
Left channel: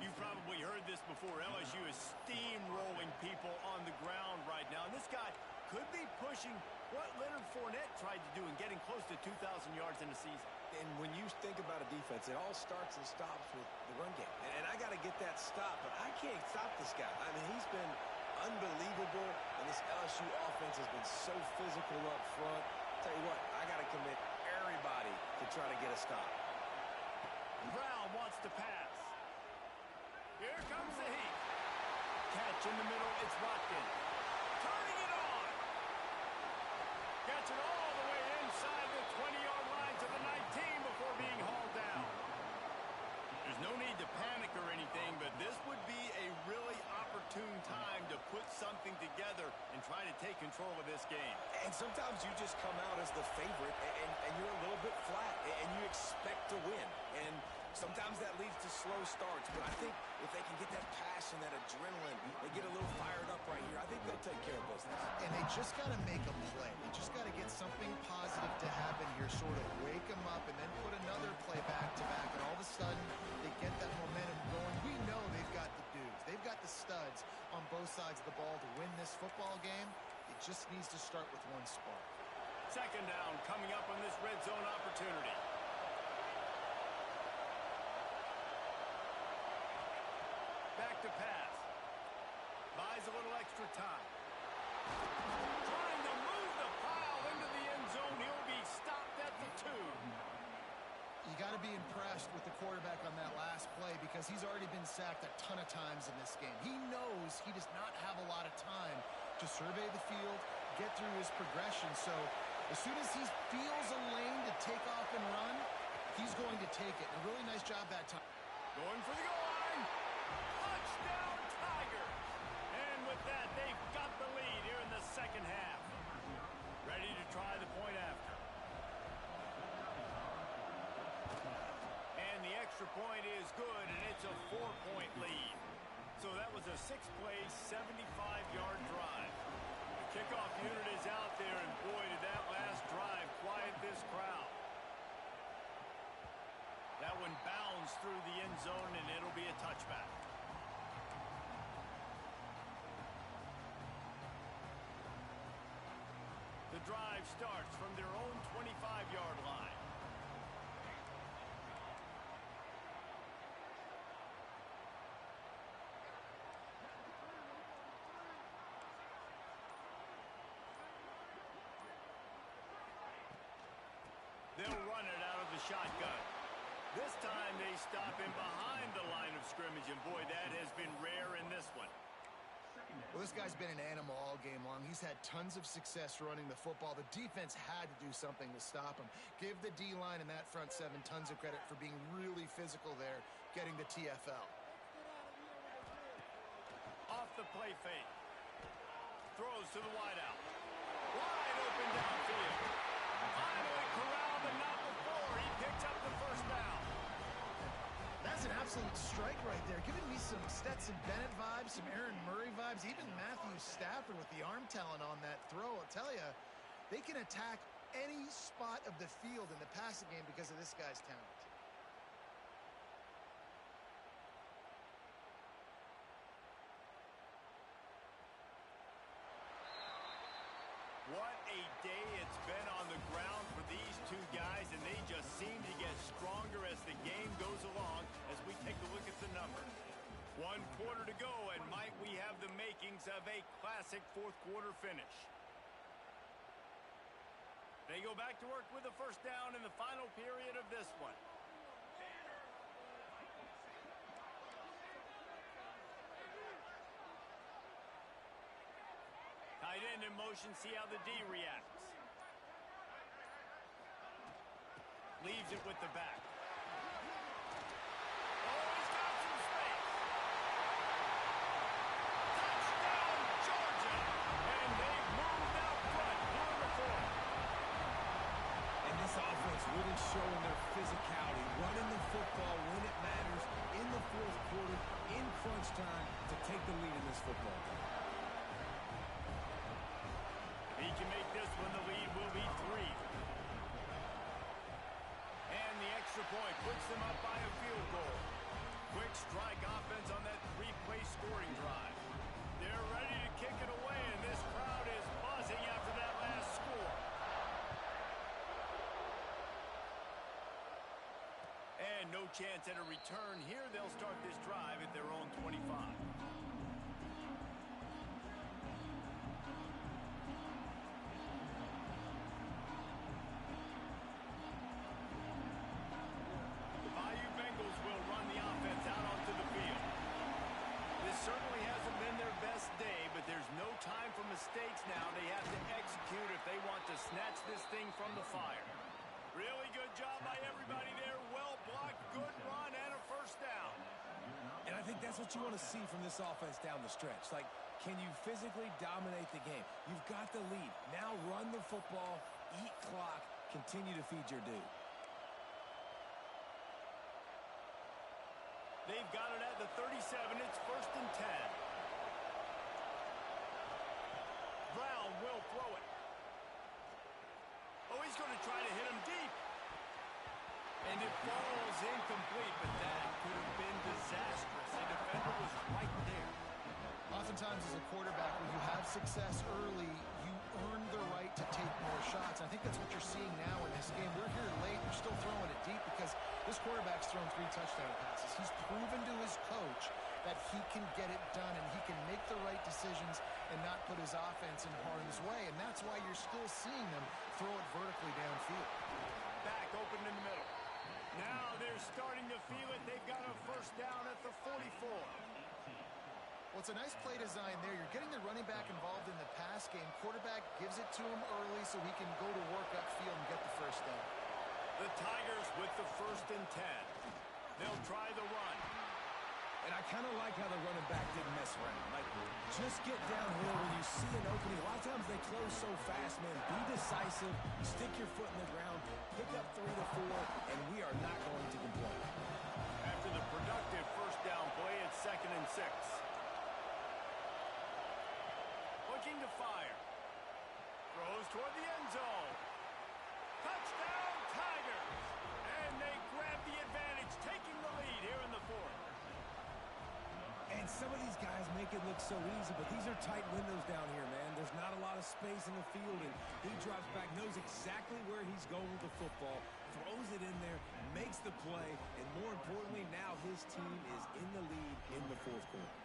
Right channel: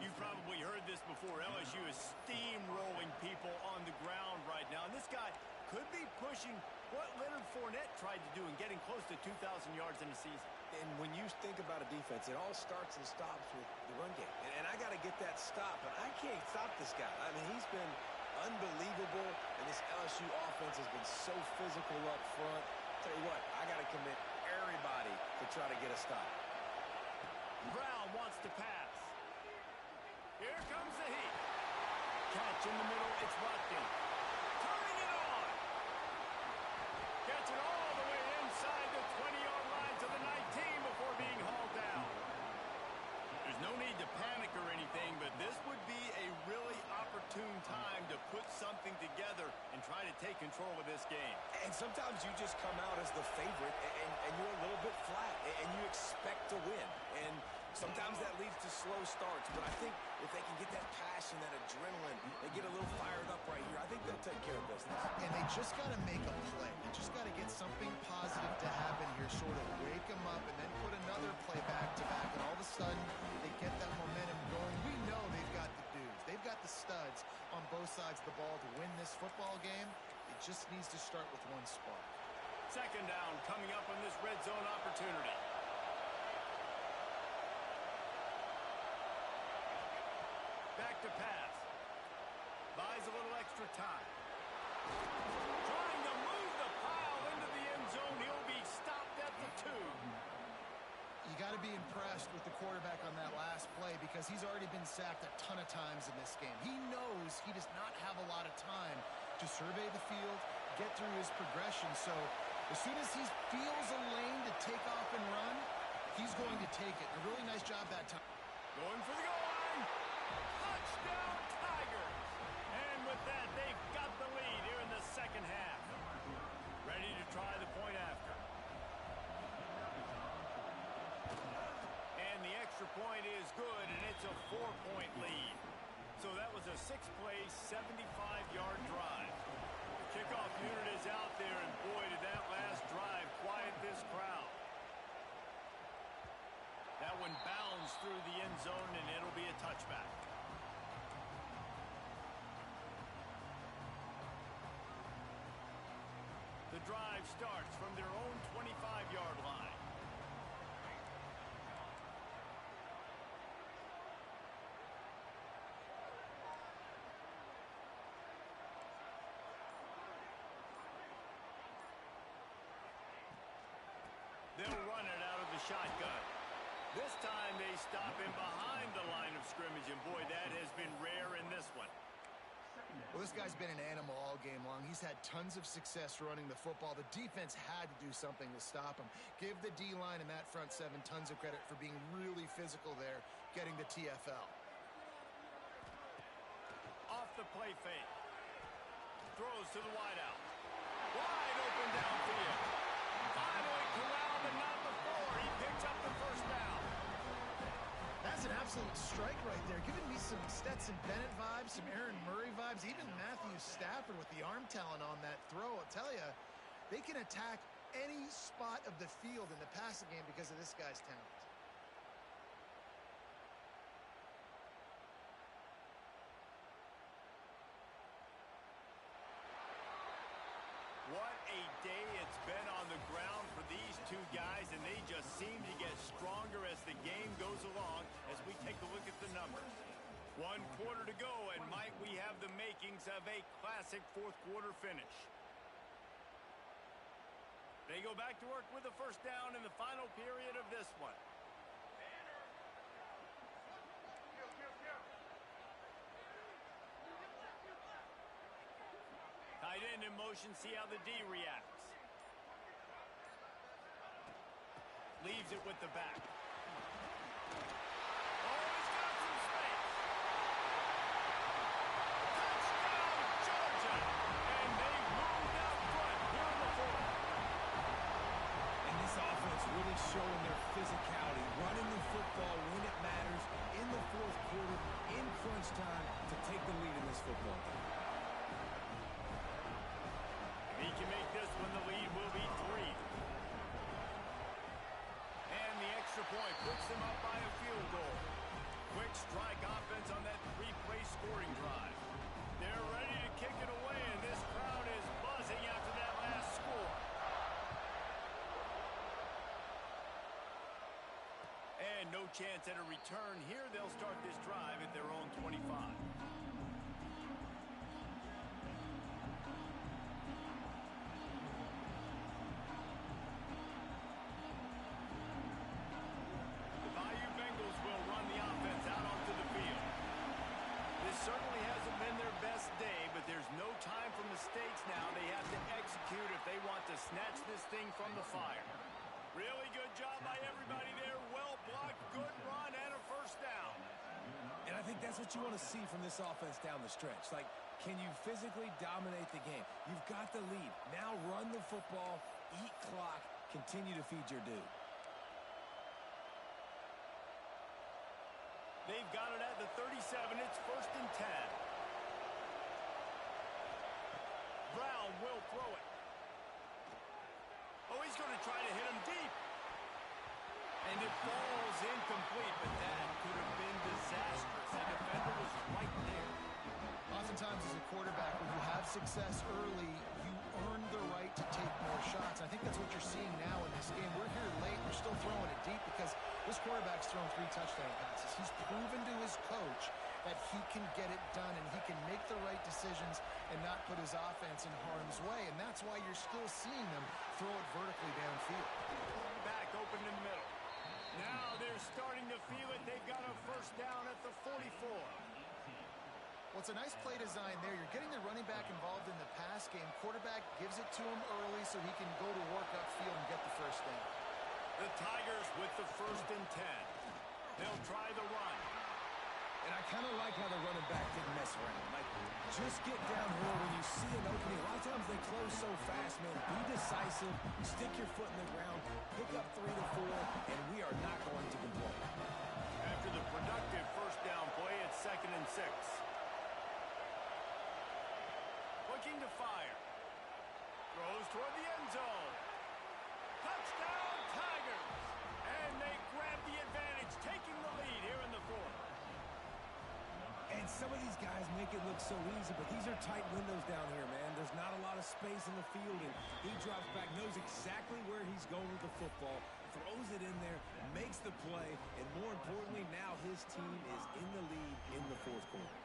You've probably heard this before. LSU is steamrolling people on the ground right now. And this guy could be pushing what Leonard Fournette tried to do and getting close to 2,000 yards in a season. And when you think about a defense, it all starts and stops with the run game. And I got to get that stop, but I can't stop this guy. I mean, he's been unbelievable, and this LSU offense has been so physical up front. Tell you what, I got to commit everybody to try to get a stop. Brown wants to pass. Here comes the heat. Catch in the middle, it's Watkins. Turning it on. 20-yard line to the 19 before being hauled down. There's no need to panic or anything, but this would be a really opportune time to put something together and try to take control of this game. And sometimes you just come out as the favorite, and you're a little bit flat, and you expect to win. And sometimes that leads to slow starts, but I think if they can get that passion, that adrenaline, they get a little fired up right here, I think they'll take care of business. And they just got to make a play. They just got to get something positive to happen here, sort of wake them up, and then put another play back-to-back, and all of a sudden they get that momentum going. We know they've got the dudes. They've got the studs on both sides of the ball to win this football game. It just needs to start with one spark. Second down coming up on this red zone opportunity. Back to pass. Buys a little extra time. Trying to move the pile into the end zone. He'll be stopped at the 2. You got to be impressed with the quarterback on that last play because he's already been sacked a ton of times in this game. He knows he does not have a lot of time to survey the field, get through his progression. So as soon as he feels a lane to take off and run, he's going to take it. A really nice job that time. Going for the goal line. Touchdown, Tigers. And with that, they've got the lead here in the second half. Ready to try the point after. And the extra point is good, and it's a 4-point lead. So that was a 6-play, 75-yard drive. The kickoff unit is out there, and boy, did that last drive quiet this crowd. That one bounds through the end zone, and it'll be a touchback. The drive starts from their own 25-yard line. They'll run it out of the shotgun. This time they stop him behind the line of scrimmage, and boy, that has been rare in this one. Well, this guy's been an animal all game long. He's had tons of success running the football. The defense had to do something to stop him. Give the D-line and that front seven tons of credit for being really physical there, getting the TFL. Off the play fake. Throws to the wideout. Wide open downfield. Finally corralled, but not before. He picks up the first down. That's an absolute strike right there. Giving me some Stetson Bennett vibes, some Aaron Murray vibes, even Matthew Stafford with the arm talent on that throw. I'll tell you, they can attack any spot of the field in the passing game because of this guy's talent. What a day it's been on the ground for these two guys, and they just seem to get stronger as the game goes along as we take a look at the numbers. 1 quarter to go, and might we have the makings of a classic fourth quarter finish. They go back to work with a first down in the final period of this one. Tight end in motion, see how the D reacts. Leaves it with the back. Oh, he's got some space. Touchdown, Georgia. And they've moved out front here in the fourth. And this offense really showing their physicality, running the football when it matters in the fourth quarter, in crunch time, to take the lead in this football game. He can make this one, the lead will be 3. And the extra point puts them up by a field goal. Quick strike offense on that 3-play scoring drive. They're ready to kick it away, and this crowd is buzzing after that last score. And no chance at a return here. They'll start this drive at their own 25. Certainly hasn't been their best day, but there's no time for mistakes now. They have to execute if they want to snatch this thing from the fire. Really good job by everybody there. Well blocked, good run, and a first down. And I think that's what you want to see from this offense down the stretch. Like, can you physically dominate the game? You've got the lead. Now run the football, eat clock, continue to feed your dude. They've got it at the 37. It's 1st and 10. Brown will throw it. Oh, he's going to try to hit him deep. And it falls incomplete, but that could have been disastrous. The defender was right there. Oftentimes as a quarterback, when you have success early, you earn the right to take more shots. I think that's what you're seeing now in this game. We're here late. They're still throwing it deep because this quarterback's thrown 3 touchdown passes. He's proven to his coach that he can get it done and he can make the right decisions and not put his offense in harm's way. And that's why you're still seeing them throw it vertically downfield. Back open in the middle. Now they're starting to feel it. They've got a first down at the 44. Well, it's a nice play design there. You're getting the running back involved in the pass game. Quarterback gives it to him early so he can go to work upfield and get the first down. The Tigers with the 1st and 10. They'll try the run. And I kind of like how the running back didn't mess around. Like, just get downhill when you see an opening. A lot of times they close so fast, man. Be decisive, stick your foot in the ground, pick up 3 to 4, and we are not going to complain. After the productive first down play, it's 2nd and 6. Looking to fire. Throws toward the end zone. Touchdown, Tigers! And they grab the advantage, taking the lead here in the 4th. And some of these guys make it look so easy, but these are tight windows down here, man. There's not a lot of space in the field, and he drops back, knows exactly where he's going with the football, throws it in there, makes the play, and more importantly, now his team is in the lead in the 4th quarter.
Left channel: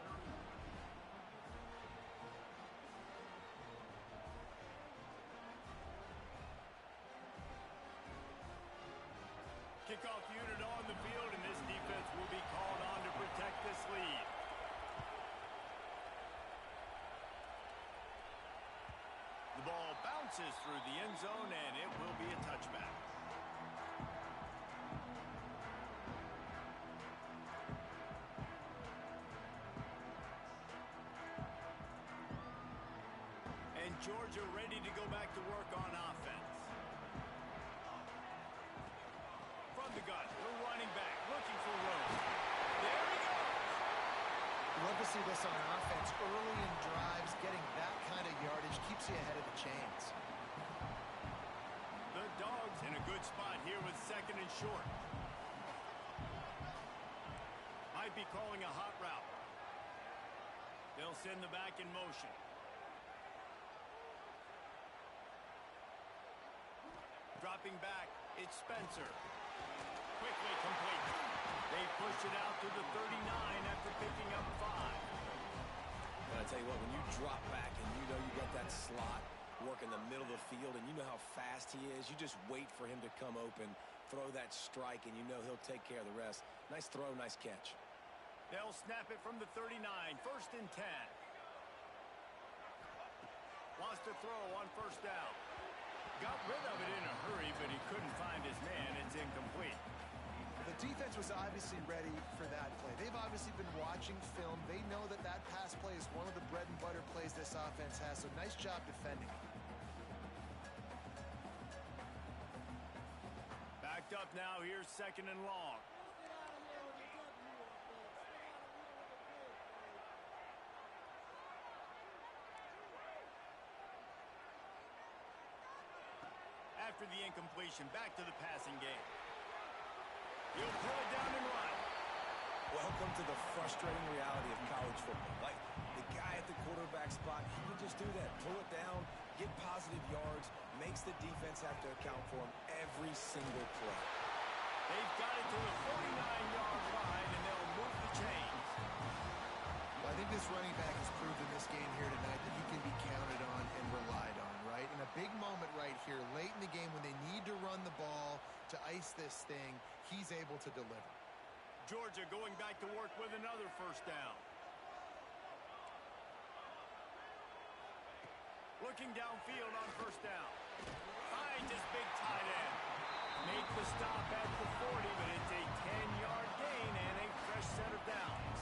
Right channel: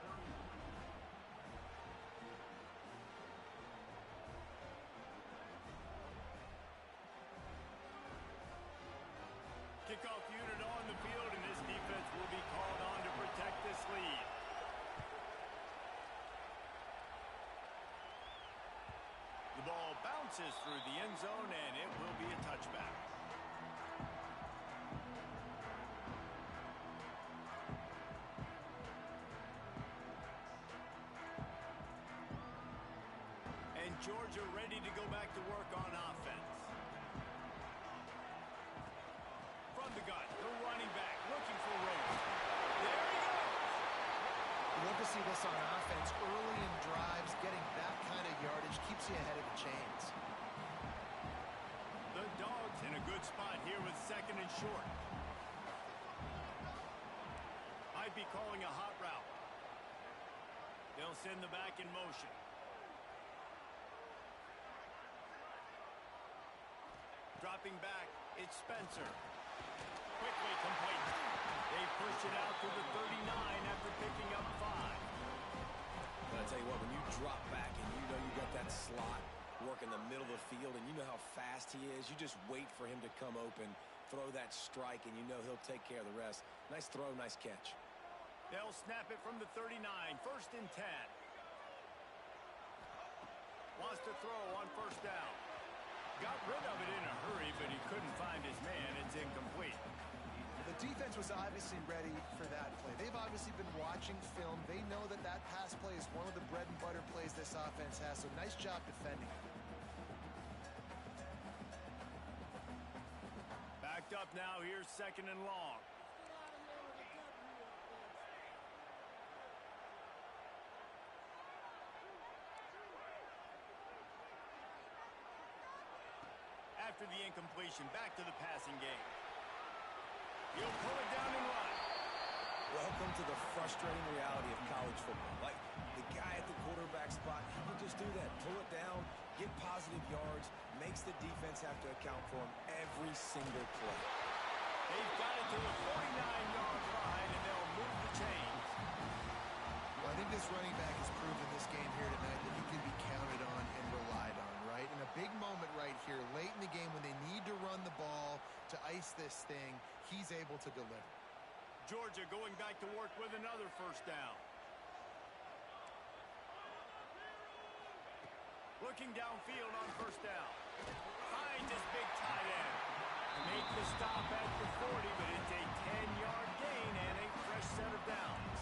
Kickoff unit on the field, and this defense will be called on to protect this lead. The ball bounces through the end zone, and it will be a touchback. And Georgia ready to go back to work on offense. From the gun, the running back looking for room. There he goes. You love to see this on offense. Early in drives, getting that kind of yardage keeps you ahead of the chains. The Dogs in a good spot here with 2nd and short. Might be calling a hot route. They'll send the back in motion. Dropping back, it's Spencer. Quickly complete. They push it out to the 39 after picking up 5. But I tell you what, when you drop back and you know you got that slot work in the middle of the field and you know how fast he is, you just wait for him to come open, throw that strike, and you know he'll take care of the rest. Nice throw, nice catch. They'll snap it from the 39, 1st and 10. Wants to throw on 1st down. Got rid of it in a hurry, but he couldn't find his man. It's incomplete. The defense was obviously ready for that play. They've obviously been watching film. They know that that pass play is one of the bread and butter plays this offense has, so nice job defending. Backed up now. Here's 2nd and long. After the incompletion, back to the passing game. He'll pull it down and run. Welcome to the frustrating reality of college football. Like, the guy at the quarterback spot, he can just do that. Pull it down, get positive yards, makes the defense have to account for him every single play. They've got it to the 49-yard line, and they'll move the chains. Well, I think this running back has proved in this game here tonight that he can be counted on and relied on, right? In a big moment right here, late in the game when they need to run the ball to ice this thing, he's able to deliver. Georgia going back to work with another 1st down. Looking downfield on 1st down. Finds his big tight end. Make the stop at the 40, but it's a 10-yard gain and a fresh set of downs.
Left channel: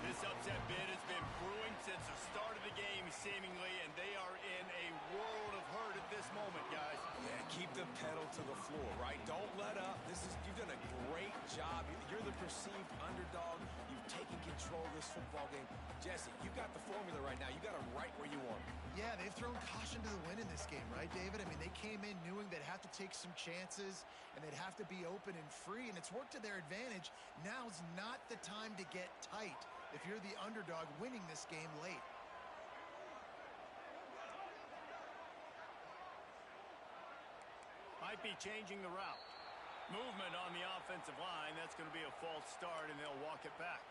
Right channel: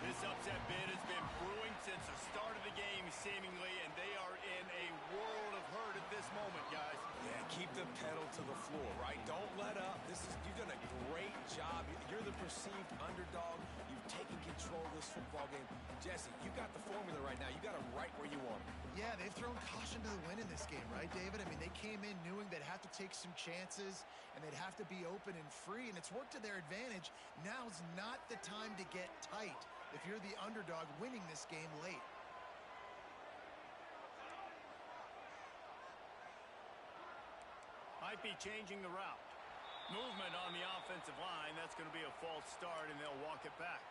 This upset bid has been brewing since the start of the game, seemingly, and they are in a world of hurt at this moment, guys. Yeah, keep the pedal to the floor, right? Don't let up. You've done a great job. You're the perceived underdog. You've taken control of this football game. Jesse, you got the formula right now. You got it right where you want it. Yeah, they've thrown caution to the wind in this game, right, David? I mean, they came in knowing they'd have to take some chances, and they'd have to be open and free, and it's worked to their advantage. Now's not the time to get tight if you're the underdog winning this game late. Might be changing the route. Movement on the offensive line. That's going to be a false start, and they'll walk it back.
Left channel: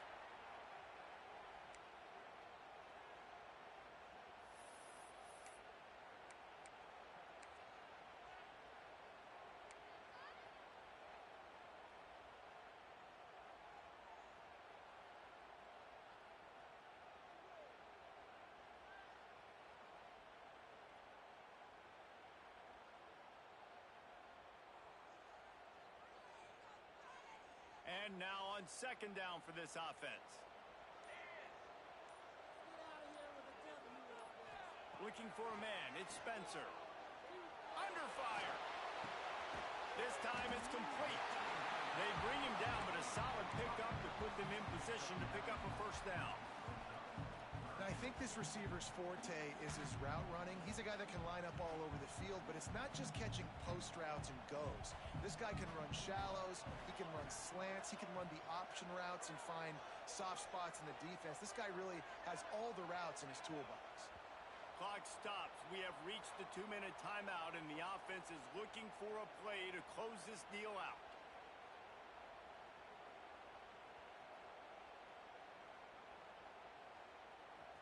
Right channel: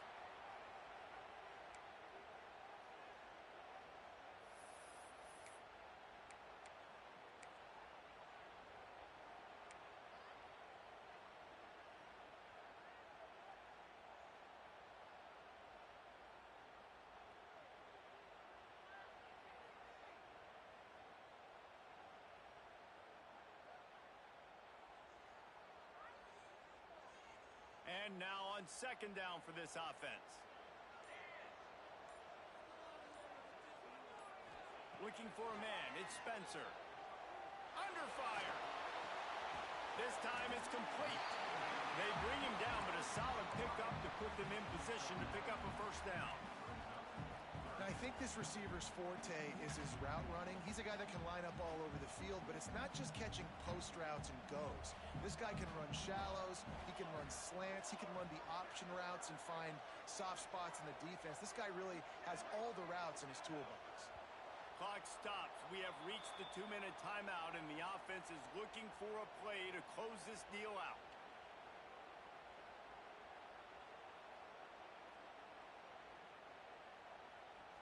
And now on second down for this offense. Looking for a man. It's Spencer. Under fire. This time it's complete. They bring him down, but a solid pickup to put them in position to pick up a first down. Now, I think this receiver's forte is his route running. He's a guy that can line up all over the field, but it's not just catching post routes and goes. This guy can run shallows, he can run slants, he can run the option routes and find soft spots in the defense. This guy really has all the routes in his toolbox. Clock stops. We have reached the 2-minute timeout, and the offense is looking for a play to close this deal out.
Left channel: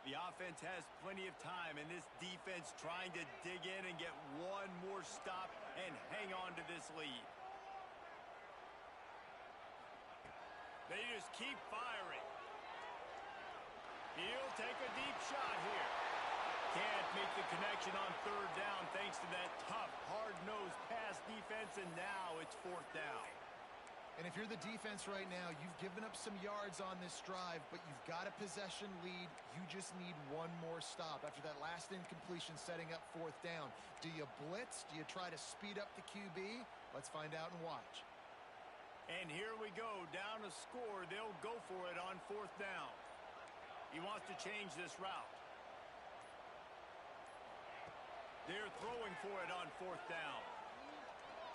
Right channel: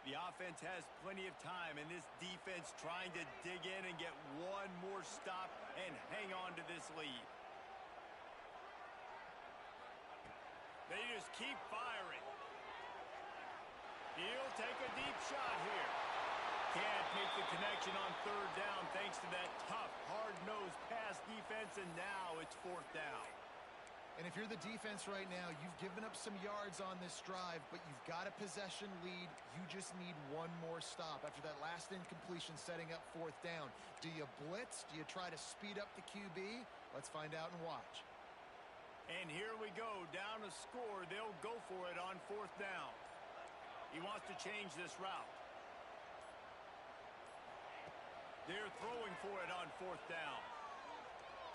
The offense has plenty of time, and this defense trying to dig in and get one more stop and hang on to this lead. They just keep firing. He'll take a deep shot here. Can't make the connection on third down thanks to that tough, hard-nosed pass defense, and now it's fourth down. And if you're the defense right now, you've given up some yards on this drive, but you've got a possession lead. You just need one more stop after that last incompletion setting up fourth down. Do you blitz? Do you try to speed up the QB? Let's find out and watch. And here we go, down a score. They'll go for it on fourth down. He wants to change this route. They're throwing for it on fourth down.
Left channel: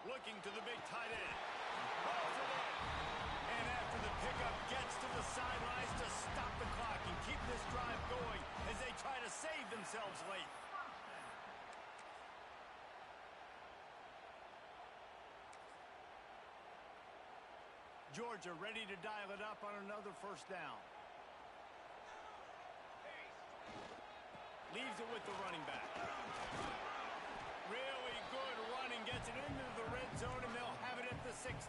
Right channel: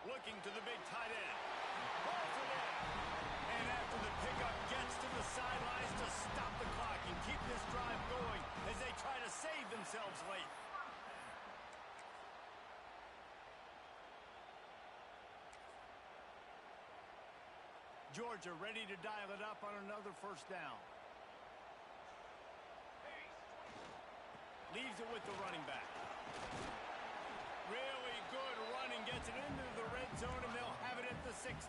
Looking to the big tight end. Rolls it in. And after the pickup, gets to the sidelines to stop the clock and keep this drive going as they try to save themselves late. Georgia ready to dial it up on another first down. Leaves it with the running back. Really good running, gets it into the red zone, and they'll have it at the 16.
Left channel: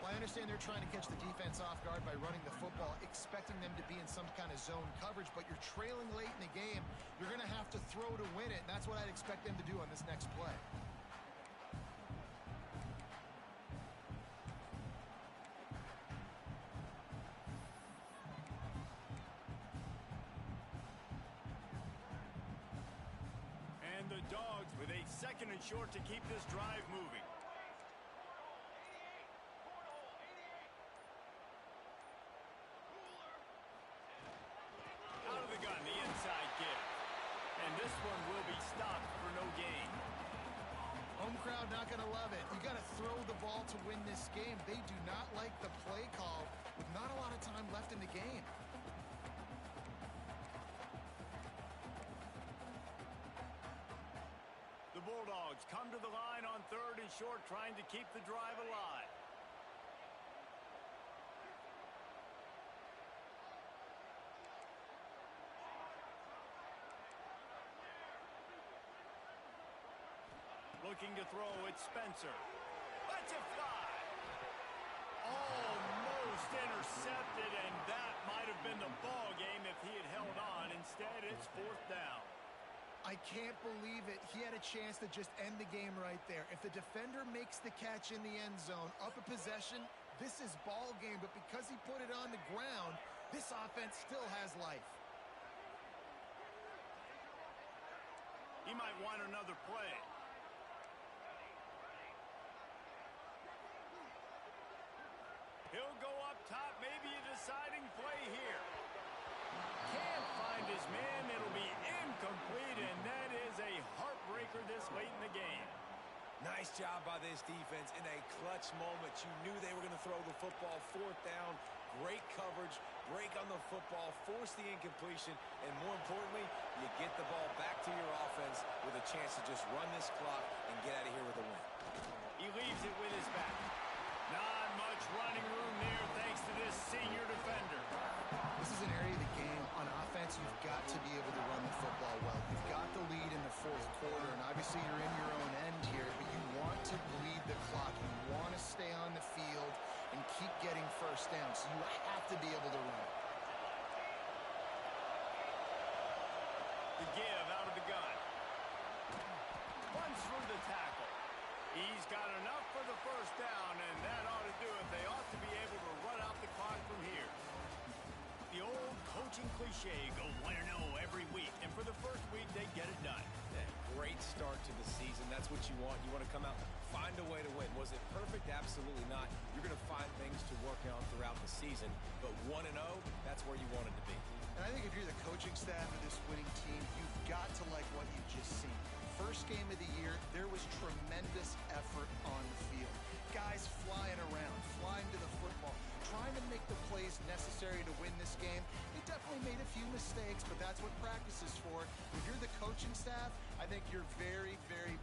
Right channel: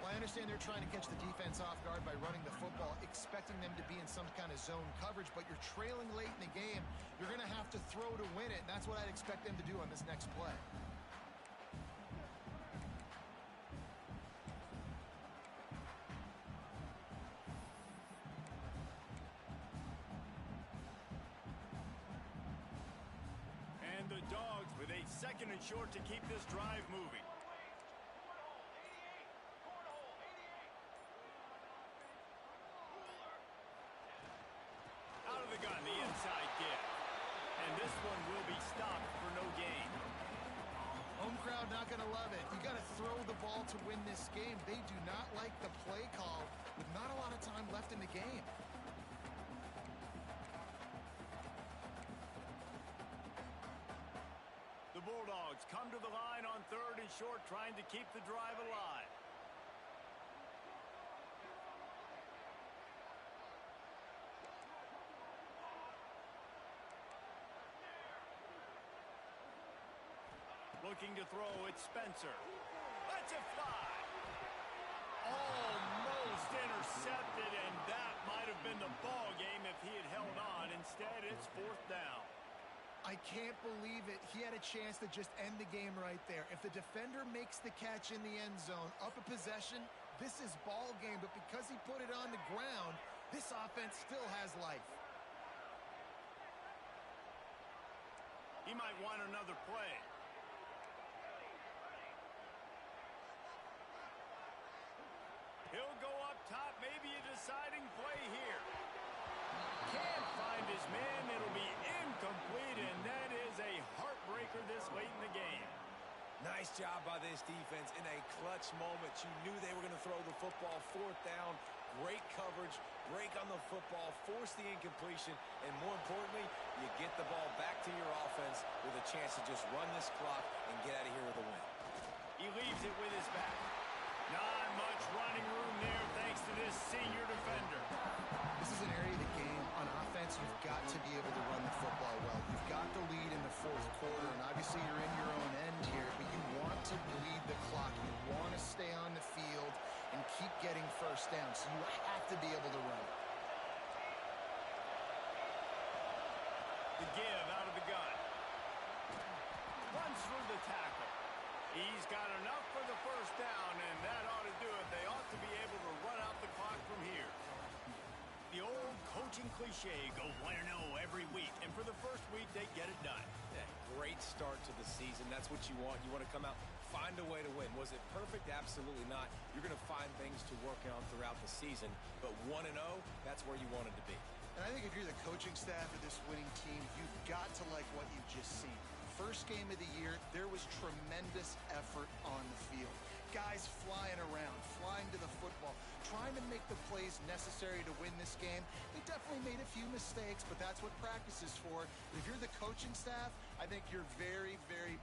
Well, I understand they're trying to catch the defense off guard by running the football, expecting them to be in some kind of zone coverage, but you're trailing late in the game. You're going to have to throw to win it, and that's what I'd expect them to do on this next play. And the Dogs with a second and short to keep this drive moving. Out of the gun, the inside give. And this one will be stopped for no gain. Home crowd not going to love it. You got to throw the ball to win this game. They do not like the play call with not a lot of time left in the game. The Bulldogs come to the line on third and short, trying to keep the drive alive. Looking to throw, it's Spencer. Lets it fly. Almost intercepted, and that might have been the ball game if he had held on. Instead, it's fourth down. I can't believe it. He had a chance to just end the game right there. If the defender makes the catch in the end zone, up a possession, this is ball game. But because he put it on the ground, this offense still has life. He might want another play. He'll go up top, maybe a deciding play here. Can't find his man. It'll be incomplete, and that is a heartbreaker this late in the game. Nice job by this defense in a clutch moment. You knew they were going to throw the football. Fourth down, great coverage, break on the football, force the incompletion, and more importantly, you get the ball back to your offense with a chance to just run this clock and get out of here with a win. He leaves it with his back. Not much running room there thanks to this senior defender. This is an area of the game. On offense, you've got to be able to run the football well. You've got the lead in the fourth quarter, and obviously you're in your own end here, but you want to bleed the clock. You want to stay on the field and keep getting first down, so you have to be able to run. The give out of the gun. Runs through the tackle. He's got enough for the first down, and that ought to do it. They ought to be able to run out the clock from here. The old coaching cliche, go 1-0 every week. And for the first week, they get it done. Yeah, great start to the season. That's what you want. You want to come out, find a way to win. Was it perfect? Absolutely not. You're going to find things to work on throughout the season. But 1-0, that's where you wanted to be. And I think if you're the coaching staff of this winning team, you've got to like what you've just seen. First game of the year, there was tremendous effort on the field. Guys flying around, flying to the football, trying to make the plays necessary to win this game. They definitely made a few mistakes, but that's what practice is for. If you're the coaching staff, I think you're very, very